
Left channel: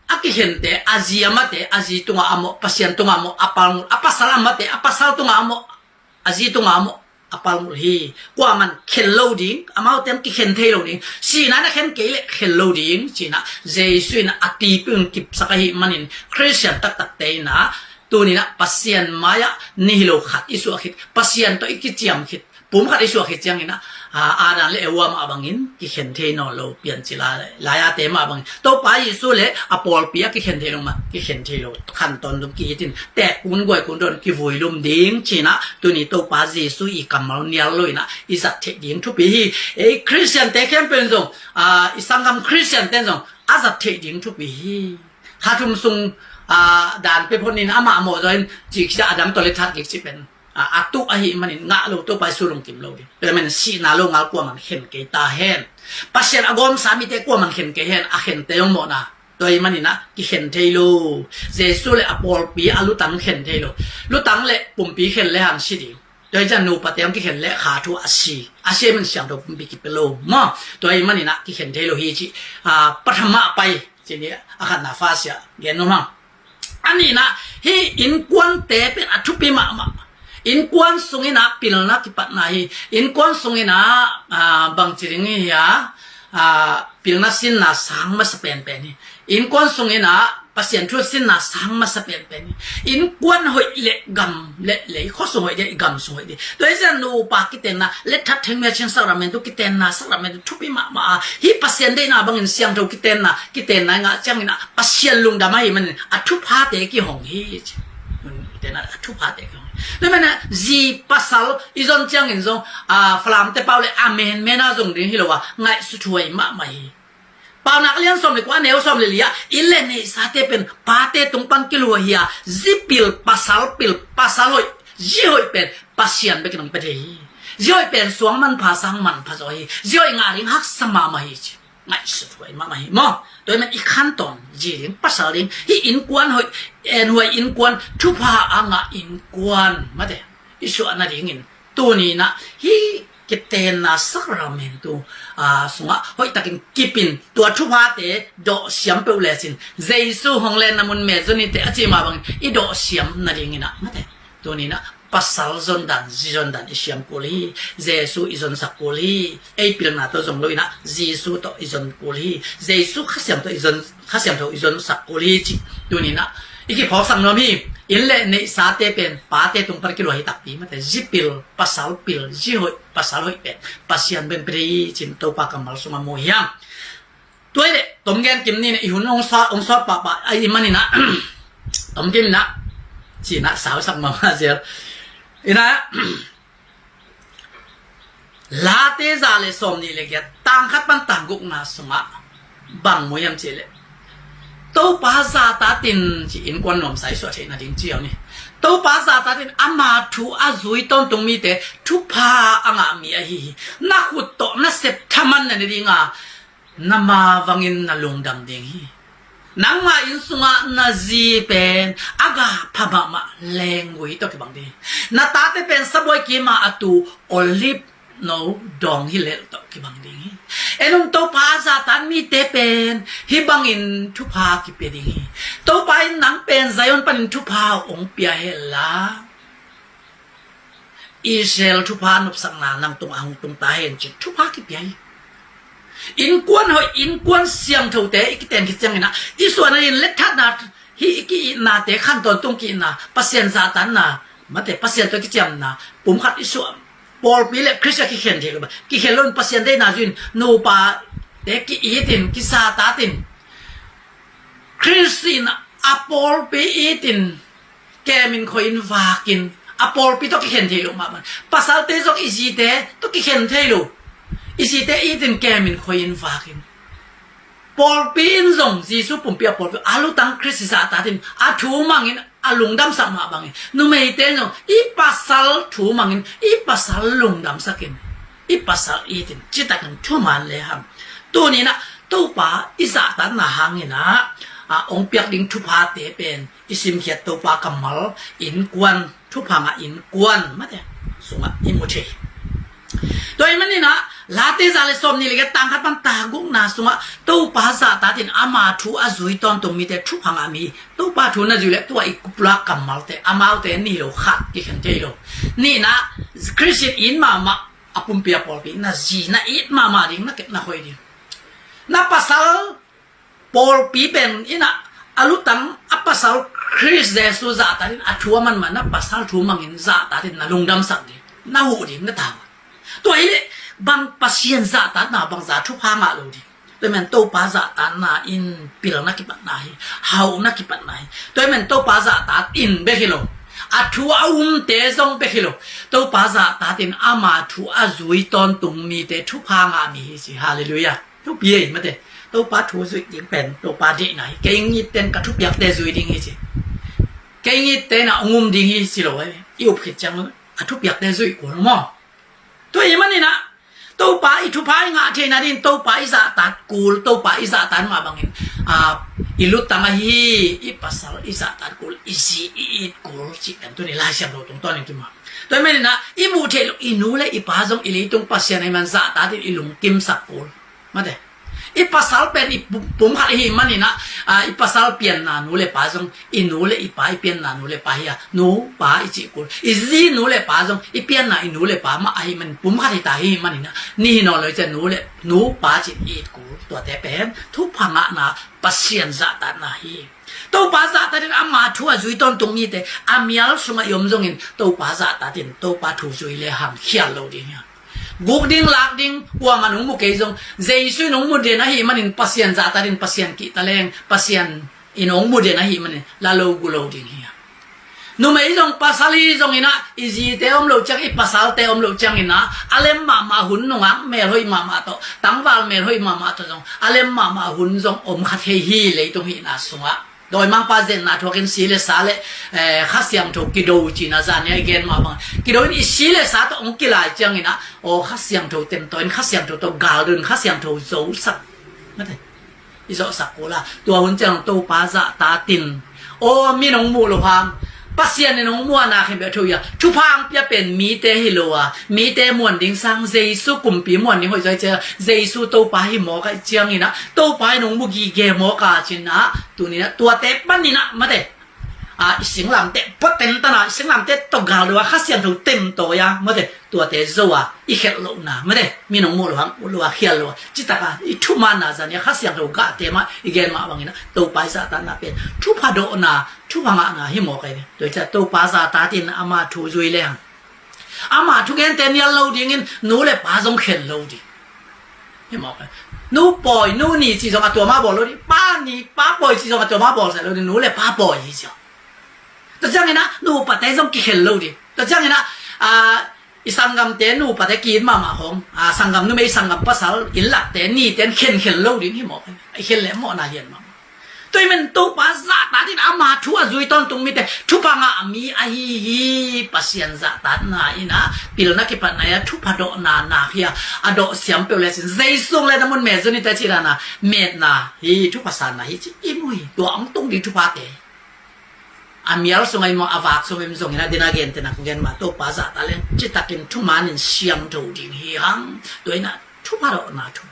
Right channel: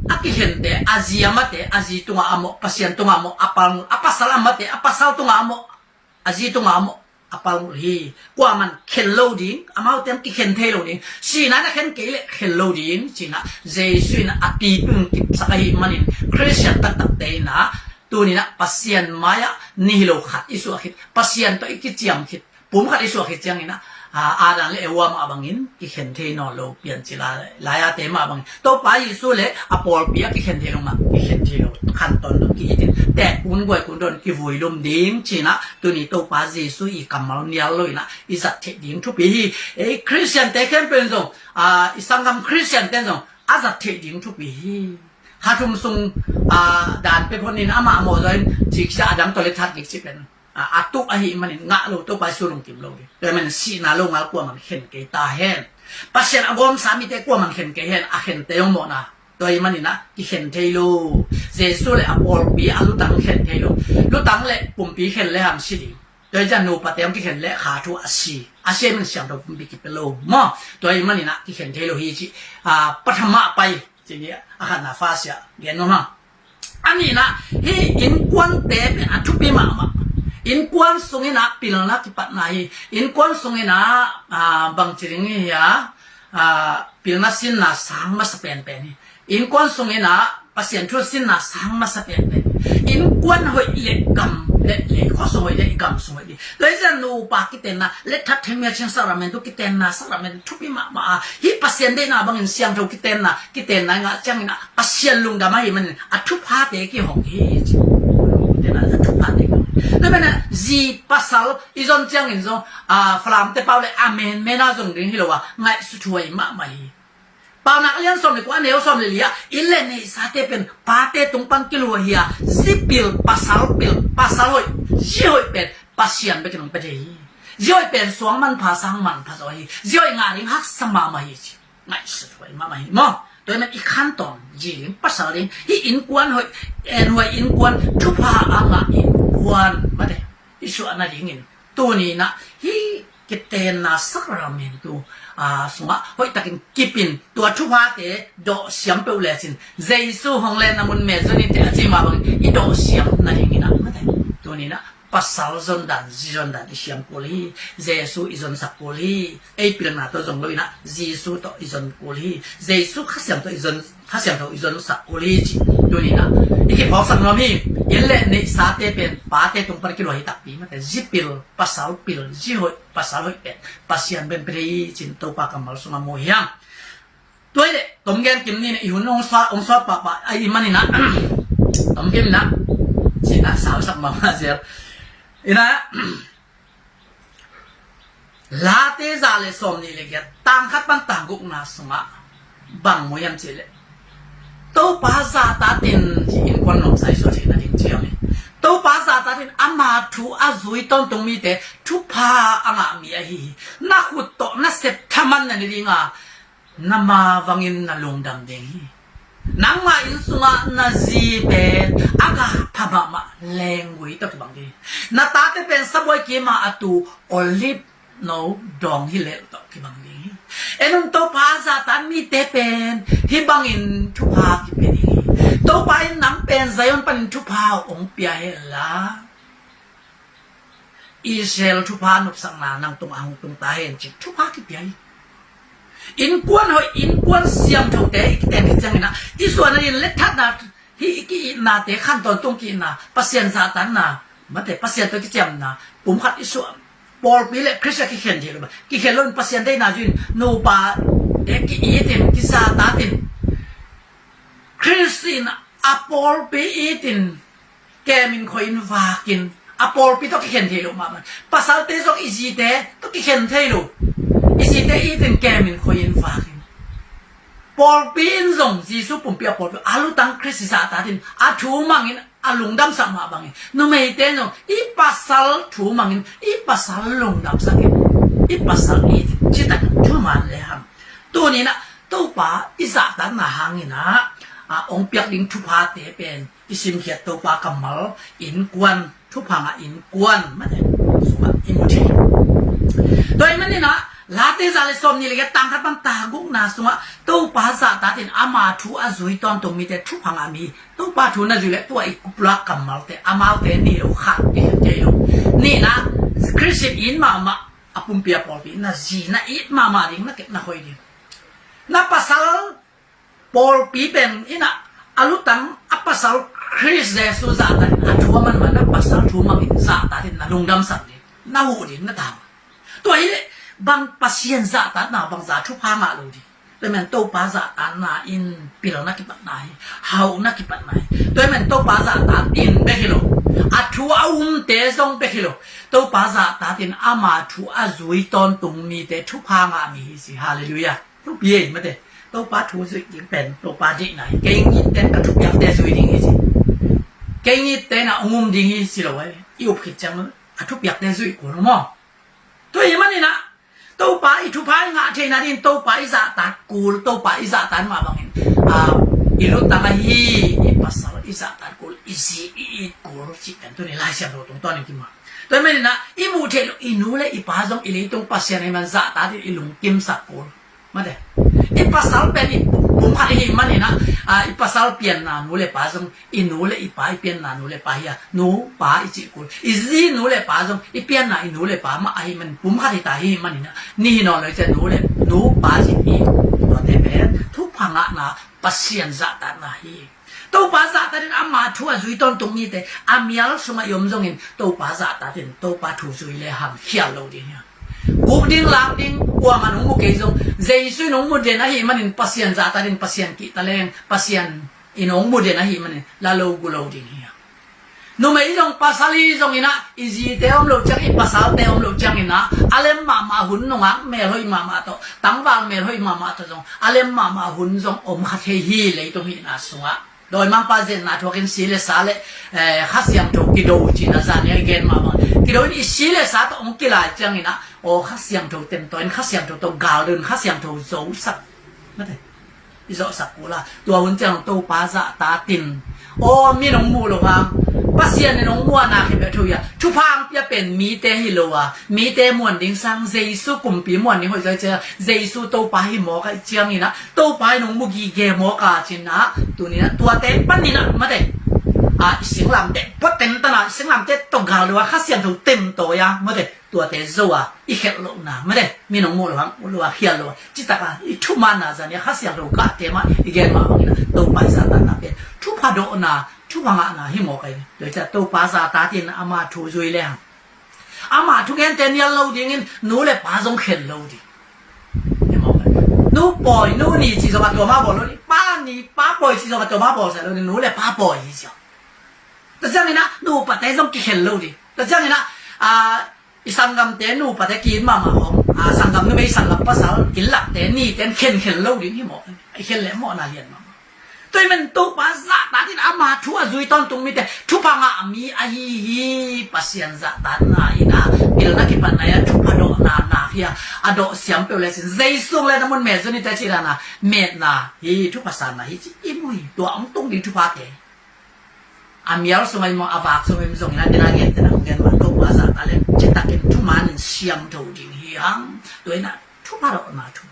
aki hente azi amate azi tunga amo pasien tunga amo apasal amate apasal tunga amo azi tunga amo apal hi kwa man khen loading amau tem ki khen thei loading si na na khen ke le khen loading china jesu na ati pung kip sakai manin Christian tak te na tu ni na pasien maya nihilo khat isu khit pasien to ikichiam khit pum khat isu khit chiang ina adan le ewa ma bangin ki khen the no lo pian chila la ya te ma bang to pa Yesu le apol pia ki khen the lo ma ki khen the lo khan ton lo ki tin te kun goi kun don ki voi lum ding china tu ni to pa Yesu i kamal nial lo ina i sat the ding thu pi e Christian te khem pen song i sangam Christian ten song azat the ding thu pi ha thum sung dan pe phonin ama mo join chi cha adam to le that ki chi pen atu ahi manin nga lo to pa sulong kim lo di pero men si na lo ngal ko man khen ke ta hen pasien agom sami te ko man khen ke hen a khen te yong mo na toy manina ki khen thei lo jesu le apol pi alu tang khen thei lo lu tang le pum pi khen le han si di โดยจะนูปะเตียมที่เห็นและขาทัวอาชีมันเสียงเราบิกิเปโลมอโดยมันนี่นะที่เห็นเทโลฮีจิปฐมะไปจีนี้อาคารนาฟาเสียเรียนมั้งอันนี้นะฮีอินกวนเตเป็นอัทุปิมาอินกวนสงนะปิลนักที่ปัตนาฮีอินกวนสงนะบางจีนี้ยาปิลนักสินนะสังมาสเปนเป็นอินกวนสงนะpasien tu sin na sang ma sapen pe in kwan hoi le gam le kho so hoi de gam so hoi de to isa no pa kiten na le that theng me chen saramen tu kiten na saramen tu pi ma hi pasien de na bang in siang tho kiten na nga chang na pasien lung da mai man athu pha te ki hong hi chi de na athu pha te ko de man ji pasal izon chang in zo flam te pau le amen me na zong ding hi lo wa ngai su thuai ma maiปาวนักเลี้ยงสมเลยกว่าเนวสมเลยลียอินเลนในสาเตเป็นปาเตตรงปันกิโลเฮียซิปิลปัสสาลอยยี่ห้อเป็นปัสเซียนไปกันตรงประเทศยี่ห้อเป็นสวงมันภาษามันภาษาฮียี่ห้องานริงฮักสมามาฮีไม่สุดไว้มาฮีมอโดยมันอีกขั้นตอนจีริงภาษาริงที่อินกวนหอยหอยอินกวนทุพาอ่างอินกวนมาเถอะอิสุอันนั้นริงตัวนี้นะฮีกิเตนะสักราเมนตูสงะหอยตะกินกิปินตัวทุพาเตโดเสียมเปล่าสินเจสุฮงเลนนามุนเมจนี่เตอจิมาบังอีโดเสียมนั่นเองนะมาเถอะตัวนี้นะปัสสาวะจนดันจีจนดันอิเสียมกุลีเจสุอิจนสักกุลีไอปิลนาตัวจงลุยนะเจสุตัวอิจนกุลีเจสุข้าเสียมตัวอิจนข้าเสียมตัวอิจนสักกุลีจีตัวนี้นะอีกพอสังนมีอินเลนในสาเตเป็นปาเตตรงปรกิโลหิตักปีมาแต่จิปิลปัสสาวะปิลจิหอยปัสสาวะเป็นปัสเซียนเป็นปรีจินตัวปากกัมมัลสุมาโมฮิยังตัวนี้ตรงแกนกิมนี่อีหุ่นองศาปะไอมันนี่นะตรงกิมนะจีน่าสาวสักมาเสียอินะลาเตซาเลสอมนี่เลยแกต่างขัดปันต่างกุกนาสงะบางมวยยังเจเลตัวภาษาตาตินจีอินควันลมใส่ส่วนที่นั่นจริงเจียวนี่ตัวภาษาตาตินอามาทูอาจุยต้นตรงมีแต่ทุพาอ่างมีอะไรนักขุดโตนักเสพทำมันนั่นดีงานามาวังอินนาลงดำเด้งนังมาอินสุงะนาจีเป็นอากาพม่ามาแรงวิตัวที่บางทีนาตาเตเป็นสบวยกีมาอตูโอลิฟโนดองฮิเลตัวที่บางทีเอ็นตัวภาษาตันมีเตเป็นฮิบังอินทุพาที่เป็นตัวไปนังเป็นไซออนเป็นทุพาองเปียเฮล่าอิสราเอลทุพานุสังนานังตรงอ่างตรงตาเห็นจิตทุพาที่เปียอินกวนหอยอินกวนเสียงเท่าเตะอีกแต่ที่จังไงนะอีส่วนนั้นเล็กทัดนะฮีกีนาเตะขั้นตอนตรงกีนะปัสเซียนซาตันนะมาแต่ปัสเซียนตัวกิจยมนะปุ่มขัดอีส่วนปอลปีเล็กคริสต์กิเคนเทกบกิเคนล้นปัสเซียนได้นาจุนโนปาเด็กกิอีตินกิซาตาตินคริสตินอปอลปีอีตินแกมินคอยน์วากินอปอลปีตัวกิเคนเทลมามันปัสสาวะเตจกอีจีเตตัวกิเคนเทลูอีสิเตอีตินแกมินคอยน์ฟากินปอลปีนซงจีสุปุ่มเปียปอลอาลุตังคริสติสาตาตินอาทูมังอินอาลุงดำสัมมาบังอินนุ่มเอเตนซงอีปัสสัลทูมังอินอีปัสสัลลุงดำสักินอีปัสสัลอีตินจิตตันทูมันเลยครับตัวนี้นะตัวป้าอีสาตันนะหางอินะองเปียกดิงทุพาเตเป็นอิสิมเขียตัวป้ากัมมัลอินกวนทุพามาอินกวนมาเถอะสุมาอิมุเชโดยมันนี่นะลาเตซาเลสอมนี่เลยก็ต่างกันปันตากุกนาสุงะตัวภาษาตาตินอามาทูอาจุยตอนตรงมีแต่ทุพังอามีตัวปาทูน่าจุเลตัวอีกปลากัมมัลเตอามาเตนี่เราขัดที่เห็นเจโยนี่นะคริสเตียนอินมาอปุ่มเปียปอลปีน่าจีน่าอิดมาดิน่าเก็บน่าคอยดิน่าภาษาปอลปีเป็นอินะอาลุตังอัปภาษาคริสเดสุซาตาตินอาทัวมันน่าภาษาทัวมังอินซาตาตินน่าลงดำสักดิน่าหูดิน่าตาวตัวนี้บางปัสเซียนซาตานาบางซาทุพางาโลดิตัวมันโตปาซาตานาอินปิลนักกิปันนายเฮานักกิปันนายตัวมันโตปาซาตาอินเบคิโลอาทัวเตซงเบคิโลโตปาซาตาตินอามาทัวอาจุยตอนตุงมีเตทุพางามีสิฮาเลลูยาทุกปีมาเตโตปาทัวสุยยิงเป็นโตปาดิไหนเกยงิเตนกระทุกอยากเตสุยดิงสิเกยงิเตนองุมดิงสิโลเว้ยอิวผิดจังกระทุกอยากเตสุยกูรู้มั้งตัวยังมันนี่นะตัวป้าอีทุพายงาเทนาดินตัวป้าอิสาตัดกูตัวป้าอิสาตันมาบางอิน ilu tangahi ipasal isatan kul isi ikul cikan tu ni lah siam do tong ton ki ma toy me na imu the inu le ipazong ili tung pasien ai man za ta ti ilung kim sakul ma de ipasal pen pum kha hi mani na ipasal pian na nu le pazong inu le ipai pian na nu le pa ya nu pa ichi kul izi nu le pazong ipian na inu le pa ma ai man pum kha ta hi mani na ni no le che nu pa chi ni to te ben thu phanga na pasien za ta na hi to pa za ta din ama thu a zui ton tung ni te amial sunga yom jong in to pa za ta din to pa thu zui le ham khia lo din ya guk ding lak ding wa manung mu ke jong jesu nong mu de na hi manin pasien za ta din pasien ki ta leng pasien inong mu de na hi manin la lo gu lo din hi nu mai jong pasali jong ina izi te om lo chang i pasal te om lo chang ina alem ma hun nonga me hoi ma to tangwal me hoi ma to jong alem ma hun jong om kha the hi le tong hi na sunga doi mang pa zen na thokin sile sale khasiam to kido chi na za ne gen ma kido ni sile sa to ong kilai chang ina o khasiam to tem to en khasiam to garden khasiam to zo sak ma thai i zo sak ko la tua hun chang to pa za ta tinโอ้มีน้องมูหรอพังปัสเซียนน้องมัวนาขึ้นไปทุยอ่ะทุพังจะเป็นมีเตฮิโลอ่ะมีเตมวนดิ้งสังเจสุกุมปีมวนนี่หัวใจเจอเจสุโตไปหมอกเจียงนี่นะโตไปน้องมุกีเกหมอกาจินนะตัวนี้นะตัวเตปั้นนี่นะมาเตสิงหลังเตปัดเต็มตนาสิงหลังเตตกกาวเลยว่าข้าเสียงถูกเต็มตัวยามาเตตัวเตโซอ่ะอีเขลโลนะมาเตมีน้องมูหรอพังหรือว่าเขียนเลยว่าจิตตะกาอีทุมานาจันเนี่ยข้าเสียงถูกกะเตมาอีเกนมาบางนี่นะโตไปซาตานาเป็นทุพาโดนาทุพังอ่ะนะหิมอกไอ้โดยจะโตปาซาตาตินอามาทูจุยเลยอามาทุกแกนเตนยันโลดิงินนู้เลยปาจงเข็นโลดิหิมอกไอ้นู้ปล่อยนู้นี่จีจงตัวมาบอกโลดิป้านี่ป้าปล่อยจีจงตัวมาบอกเสร็จโลดินู้เลยป้าปล่อยจีจงแต่จังไงนะนู้ปะเตจงเข็นโลดิแต่จังไงนะอีสังกัมเตนู้ปะเตกินมาหงสังกัมนู้ไม่สังกัมภาษาอินลักเตนี่เตนเข็นโลดิหิมอกไอ้เข็นแหลมหมอนาเรียนมาตัวมันตัวภาษาตาที่อามาทัวจุยตอนตรงมีแต่ทุพังอามีไอฮีภาษาจะตาหน้าอินะพิลนักกิปันนายทุพาโดนาเฮียอดอเสียมเปลวเลยสิใจส่งเลยนะมันเมจนี่แต่จีรานะเมดนาฮีทุภาษานะฮีจีอิมุยตัวอังตรงดีทุพาเตอามีอะไรส่งไอ้มออาวากส่งไอ้ส่งนะเดนาเกียนแต่นักเรียนมาตัวภาษาตาเลยจิตตะกินทุมานินเสียงตัวดิ่งฮีฮังตัวนั้นทุพาโดนาทุ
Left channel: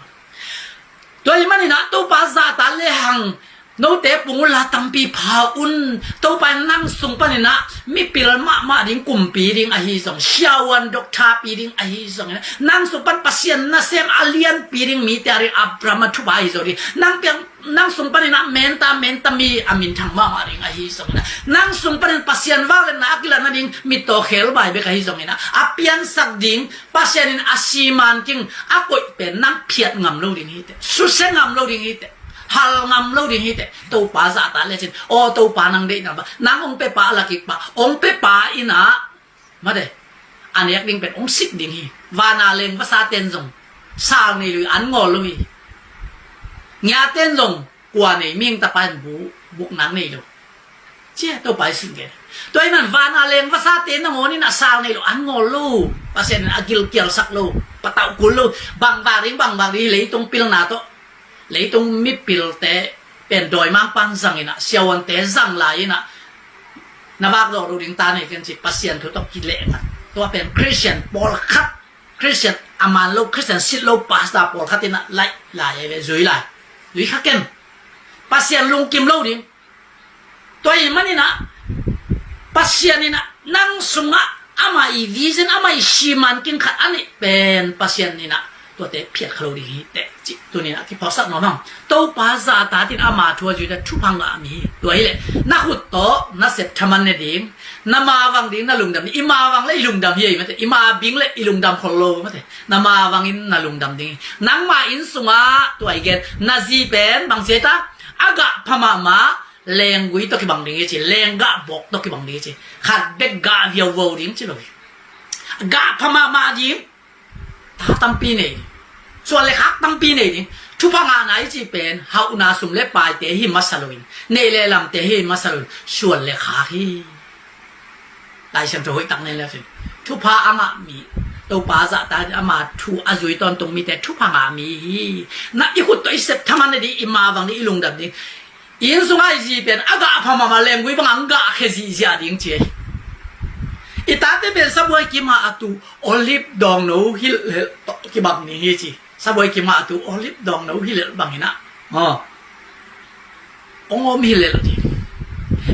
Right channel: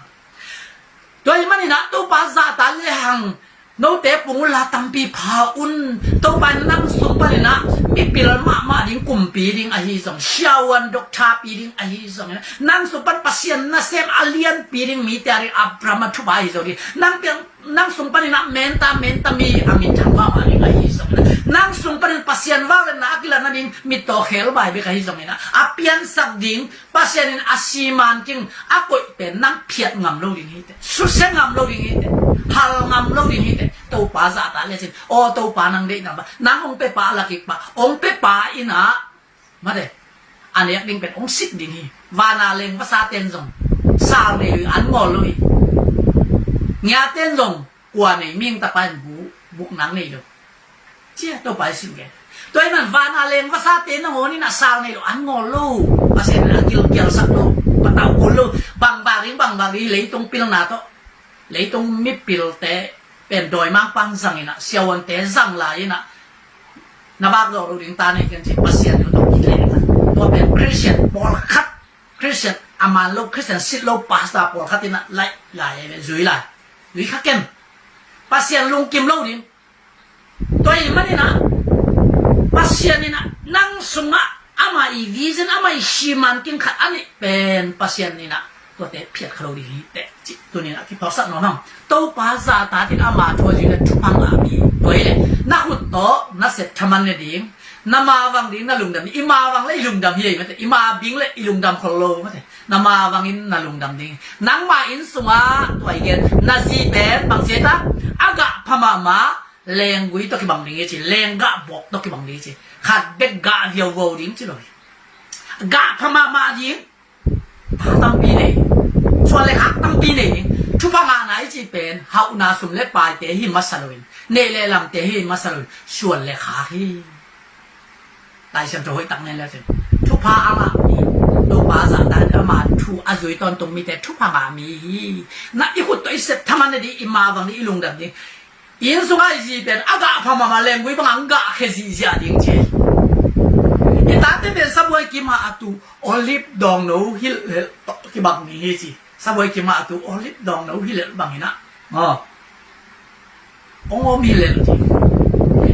ตัวมันนี่นะตัวภาษาตาเลยฮังโนเตปุงลาตัมปีพาอุนตัวไปนั่งส่งไปนะมีปีละมาดิ้งกุมปีดิ้งไอฮิส่งเชียวันดอกชาปีดิ้งไอฮิส่งนั่งส่งไปปัสยันนะเซมอาเลียนปีดิ้งมีแต่อะไรอับรามาทุบไอส่งนั่งเพียงนั่งส่งไปนะเมนตามีอามินทั้งมาดิ้งไอฮิส่งนั่งส่งไปปัสยันว่าเลยนะกิลนะดิ้งมีโตเขลไปเบกไอฮิส่งนะอาเปียนสักดิ้งปัสยันอาชีมันกิ้งอากุยเป็นนั่งเพียดงำโลดิ้งฮิตสุดเส้นงำโลดิ้งฮิตฮัลงำโลดิ้งฮิตตัวป้าจะตาเลยจินโอ้ตัวป้านังเด็กนะบ้านางองเปป้าลักอีกป้าองเปป้าอินะมาเด้อันนี้ดิ้งเป็นองสิบดิ้งฮีวานาเลงภาษาเต็นจงสาวนี่ลุยอันงอลุยเงียเต็นจงกว่านี่มิ่งตะปันบุกนังนี่ลุเจ้าตัวไปสิ่งเดียวตัวนั้นวานาเลงภาษาเต็นนะโมนี่นะสาวนี่ลุอันงอลุภาษาเนี่ยกิลเกียลสักลุปะเต่ากุลุบางบาริเลยตรงปิลนาโตเลยตรงมิปิลเตเป็นโดยมังปังสังอินะเสียวันเตสังลายนะนับดอกรูดิงตาเนี่ยกันสิปัสเซียนตัวต้องกินเละกันตัวเป็นคริสเตียนบอลคัดคริสเตียนอามันโลคริสเตียนสิโลปาสตาบอลคัดที่น่ะไล่เลยจุยไล่จุยขัดกันปัสเซียนลุงกิมโลดิงตัวอีมันนี่นะปัสเซียนนี่นะนั่งสุงะอามาอีวิจินอามาอีชิมันกินขัดอันนี้เป็นปัสเซียนนี่นะตัวเตะเพียรคลอดีเตะจิตัวนี้นะที่พอสักน้องตัวภาษาตาที่อามาทัวร์จุดทุพังอามีตัวนี้นักหุ่นโตนักเสพทำมันเนี่ยดิ้งน้ำมาวังดิ้งน่าลุงดำอิมาวังเลยลุงดำเฮียมั้ยอิมาบิงเลยลุงดำคนโลมั้ยน้ำมาวังอินน่าลุงดำดิ้งนังมาอินสุงาตัวไอ้เกนนาซีเป็นบางเสียตาอากาพม่าแรงกุยตัวกี่บางดิ้งจีแรงกะบอกตัวกี่บางดิ้งจีขัดเด็กกะเดียวโวดิ้งจีเลยกะพม่าดิ้งถ้าตั้งปีนี้ส่วนเลยครับตั้งปีนี้ทุกพังงานไหนจีเป็นเฮานาสุมเล็บปลายเตหิมัสลุนเนเลลำเตหิมัสลุนส่วนเลยขาที่ลายเชื่อมโยงตั้งเนี่ยแล้วสิทุกพังอามามีตัวภาษาได้อามาทูอาจุยตอนตรงมีแต่ทุกพังอามีนักอีกคนตัวอีเสพทำมันดีอิมาวังนี้ลุงดับนี้因素爱这边阿个怕妈妈连鬼帮阿个开始下定去，一打这边什么几嘛阿都 olive 当路去去帮你去，什么几嘛阿都 olive 当路去帮你那，哦，我咪来了去，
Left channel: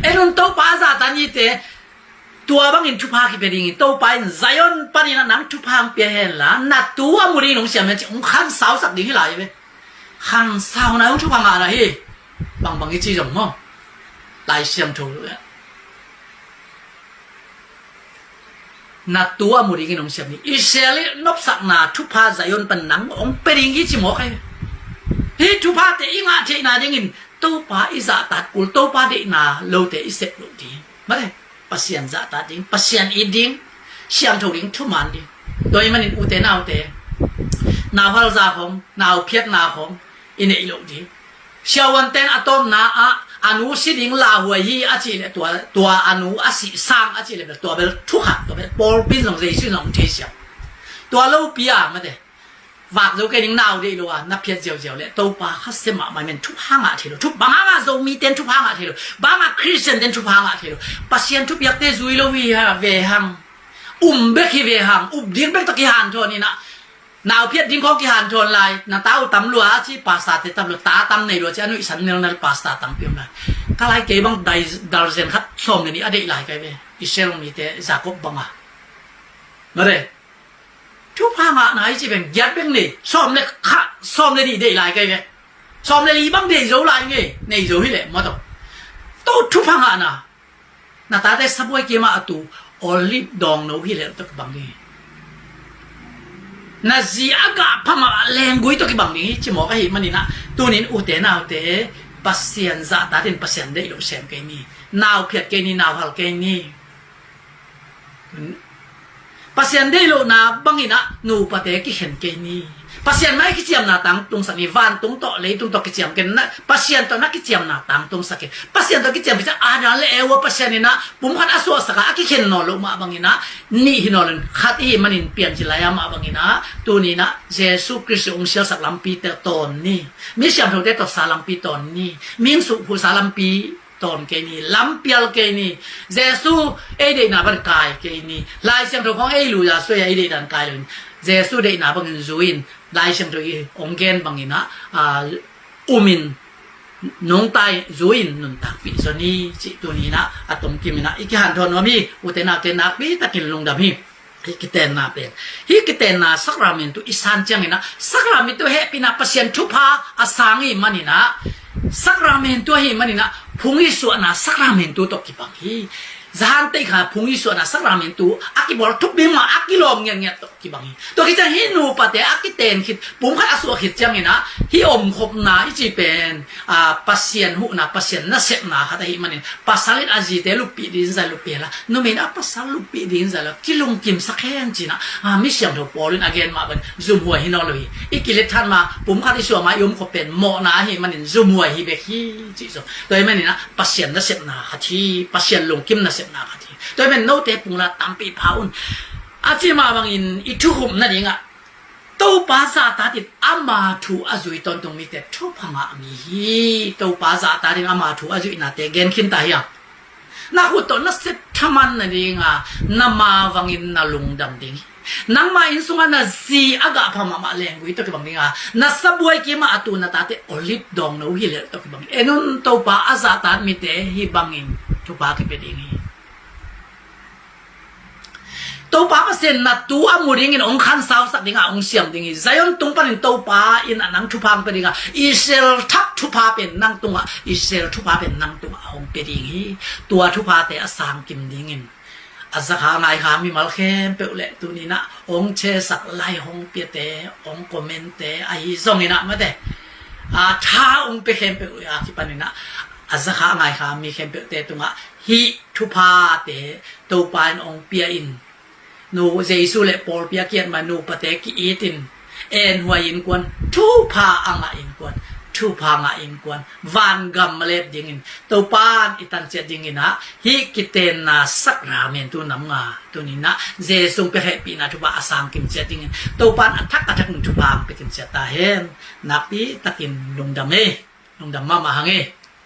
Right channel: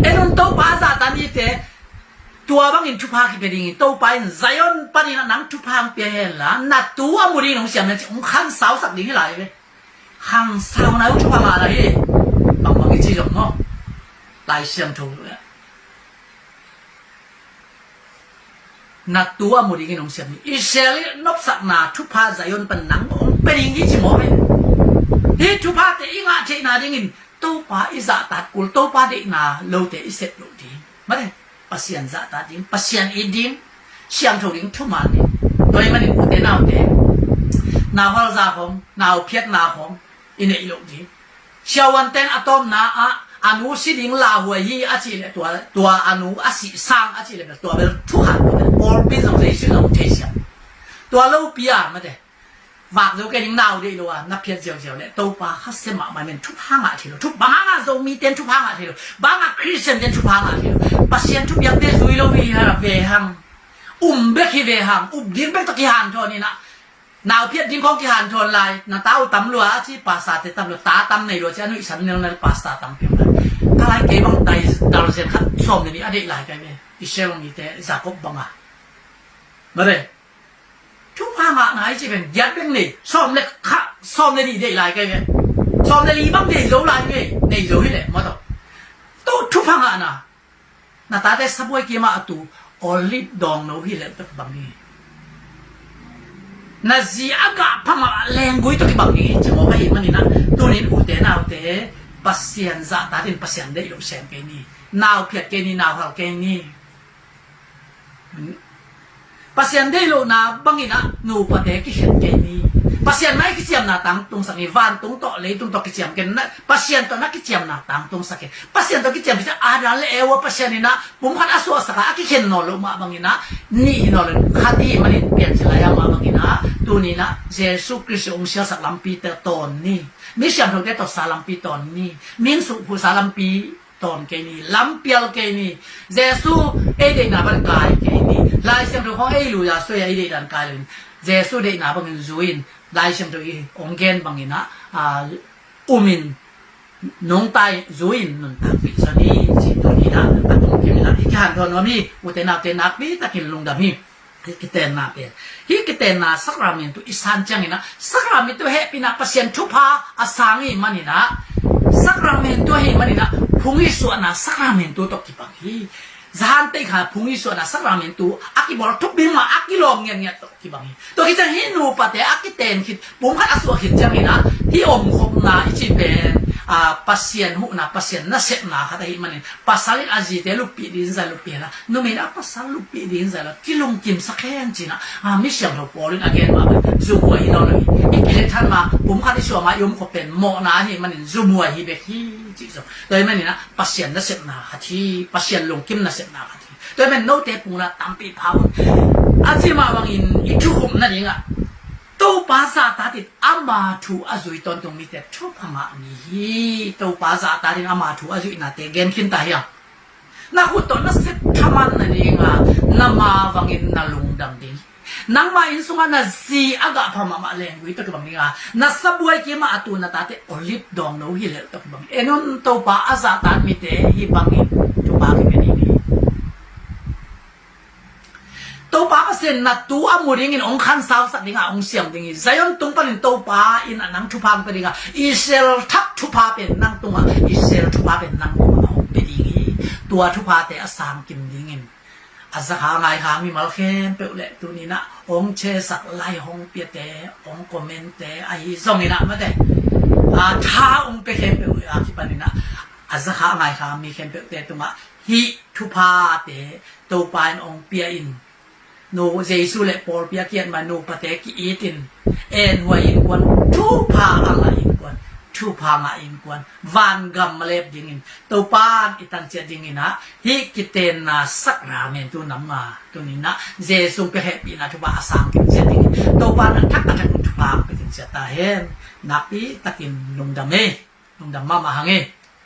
哎，侬都把啥单一的。ตัวบางอินทุพาคิดไปดิ่งตัวไปไซออนปนินังทุพางเปลี่ยนละนัดตัวมุรีน้องเสียมันจะขันสาวสักดิ่งให้ไหลไปขันสาวนะอุ้งทุพางอะไรบางอีจีจงมั้งไหลเสียมถูกเลยนัดตัวมุรีน้องเสียมันอิสราเอลนบสักนาทุพาไซออนปนังองเป็นดิ่งยี่จีมั้งที่ทุพาเตอิงอาเทนาดิ่งตัวไปอิสระตัดกุลตัวไปเดนาโลเตอิเสร็จโลดีมาเลยpasien zata ding pasien iding siang thâu ding thu man ni doi manin ute nau te na hal za khom nau phiat na khom ine ilok di siawan ten atom na a anu si ding la huai hi a chi le tua anu a si sang a chi le tua bel thu han bel bol bin long sei si long the siam tua lo pia ma de vạc dấu cái đỉnh nào đi luôn à nắp phiền dẻo dẻo lệ tàu pa hát xem mà mình chụp hang à thì rồi chụp băng à dầu mi tên chụp hang à thì rồi băng à Christian tên chụp hang à thì rồi pasien chụp giặc tên duy lâu vi về hàng bếc khi về hàng điên bếc tắc cái hàn thôi nè nào phiền điên không cái hàn thôi lại nà tao tắm lúa chỉ pasta thì tắm lúa tá tắm này rồi chứ anh ấy sẵn nên là pasta tắm phiền lại cái lại cái băng tay tao xem khát xòm này đi lại cái về Israel này thế Jacob băng à mà đâyทุกพังอ่ะไหนจะเป็นยัดเป็นนี่ซ้อมเลยค่ะซ้อมเลยดีได้หลายกันไงซ้อมเลยดีบ้างได้รู้หลายไงในรู้ที่แหละมาต้องทุกพังอ่ะนะน่าตาได้สับไว้เกี่ยมาตูออลิฟดองนู้ที่แหละต้องบางนี่น่าจีอากาพังอ่ะแรงกุยต้องบางนี่จิมองไปมันนี่นะตัวนี้อุเตน่าอุเตปัสเซียนจะตาเป็นปัสเซียนได้รู้เสียงกันนี่นาวเพียรกันนี่นาวหัลกันนี่pasien dei lo na bangina nu pate ki het ke ni pasien mai ki chiam na tang tung sa ni van tung to le tung to ki chiam ken na pasien to na ki chiam na tang tung sa ke pasien to ki chiam bisa ada le ewa pasien ni na pum khat aso sa ka ki ken no lo ma bangina ni hinolen khati manin pian chilaya ma bangina tu ni na jesu christ ong sia sak lampi te ton ni mi siam tho te to sa lampi ton ni min su pu sa lampiตอนเกนี่ล้ำเปียลเกนี่เจสูเอเดน่าบันกายเกนี่ลายเสียงตัวของเอลูยาสวยเอเดดันกายเลยเจสูเดน่าบังจูอินลายเสียงตัวอีองเกนบังอินะมินน้องตายจูอินนุนตาฟิสนีสิตัวนี้นะอัตตงกิมินะอีกหันทอนว่ามีอุเทนาเกนักบีตะกินลงดามีฮิกิเตนนาเป็นฮิกิเตนนาสักรามินตุอิสานจังอินะสักรามินตุเฮปินะเปอร์เซ็นต์ทุพาอาสังอิมันนี่นะสักรามินตัวเฮมันนี่นะพุงอิสวนะสักรามินตัวตกกี่ปังฮีจานเตะขาพุงอิสวนะสักรามินตัวอากิบอลทุบบิมาอากิลอมเงี้ยตกกี่ปังฮีตัวที่จะฮินูปะเตอากิเตนคิดปุ่มขัดอสวหิจังนี่นะฮิอมขบนาอิจิเป็นปัสเซียนหูนะปัสเซียนน่าเสพนาขัดฮิมันนี่ปัสสาลิอาจีเตลุปีดินใจลุปีละนู่นมีนะปัสสาลุปีดินใจละกิลงกิมสักแค่จีนะไม่เสียงถูกปอลินอเกนมาเป็นซูมวยฮินอเลยอีกิเลท่านมาปุ่มขัดอิสวมายมขบเป็นโมนาฮิมันนี่ซูมวยฮิเบฮีจีโซโดยมันนี่นะปัสเซียนน่าเสพนาขัดฮิปัสเซียนลงกิมน่าเสพนาขัดฮิโดยมันโน้ตเตปุ่งละตามปีพาวอาจีมาบางอินอีทุกขุมนั่นเองอะตัวภาษาตาดิอามาทูอาจุยตอนตรงนี้แต่ทุกพังอามีตัวภาษาตาดิอามาทูอาจุยนาเตเกนขึ้นตายอ่ะน่าหุ่นตัวน่าเซ็ตทำมันนั่นเองอ่ะน่ามาวังอินน่าลงดำดิ่งนังมาอินสุงาน่าซีอากาพม่ามาแรงวิตัวกบังนี่อ่ะน่าสับวยกี่มาอตูน่าตาเตโอลิฟดองโนฮิเลตัวกบังเอ็นนตัวภาษาตามีเตฮิบังอินตัวภาษาเป็นยังไงตัวป้าเปอร์เซ็นต์นะตัวอามูริงินองคันสาวสักดิ่งอ่ะองเสียมดิ่งอีใจยนตุงปันตัวป้าอินนังทุพามเป็นดิ่งอ่ะอิสราเอลทักทุพาเป็นนังตุงอ่ะอิสราเอลทุพาเป็นนังตุงอ่ะองเป็นดิ่งอีตัวทุพาแต่อาสังกิมดิ่งอินอาสักหาไงหามีมาลเข้มเปล่าเลยตัวนี้นะองเชสักไล่องเปียเตองคอมเมนต์เตไอส่งนี่นะมาเตช้าองเปเข้มเปล่าเลยที่ปันนี่นะอาสักหาไงหามีเข้มเปล่าเตตุงอ่ะฮิทุพาเตตัวป้าองเปียอินนูเจสุเลปอลเปียเกียนมานูปะเตกิอีตินเอ็นหัวอินกวนทูพาอ่างอินกวนทูพางอินกวนวันกัมมาเลบดิ่งอินตัวปานอิตันเจดิ่งอินนะฮิกิเตนนาสักราเมนตัวนำงาตัวนี้นะเจสุเปเฮปีนาทุบะอาสังกินเจดิ่งอินตัวปานทักกะทักทุบะไปกินเจตาเฮนนับปีตะกินลงดำเมลงดำมามาหังเอ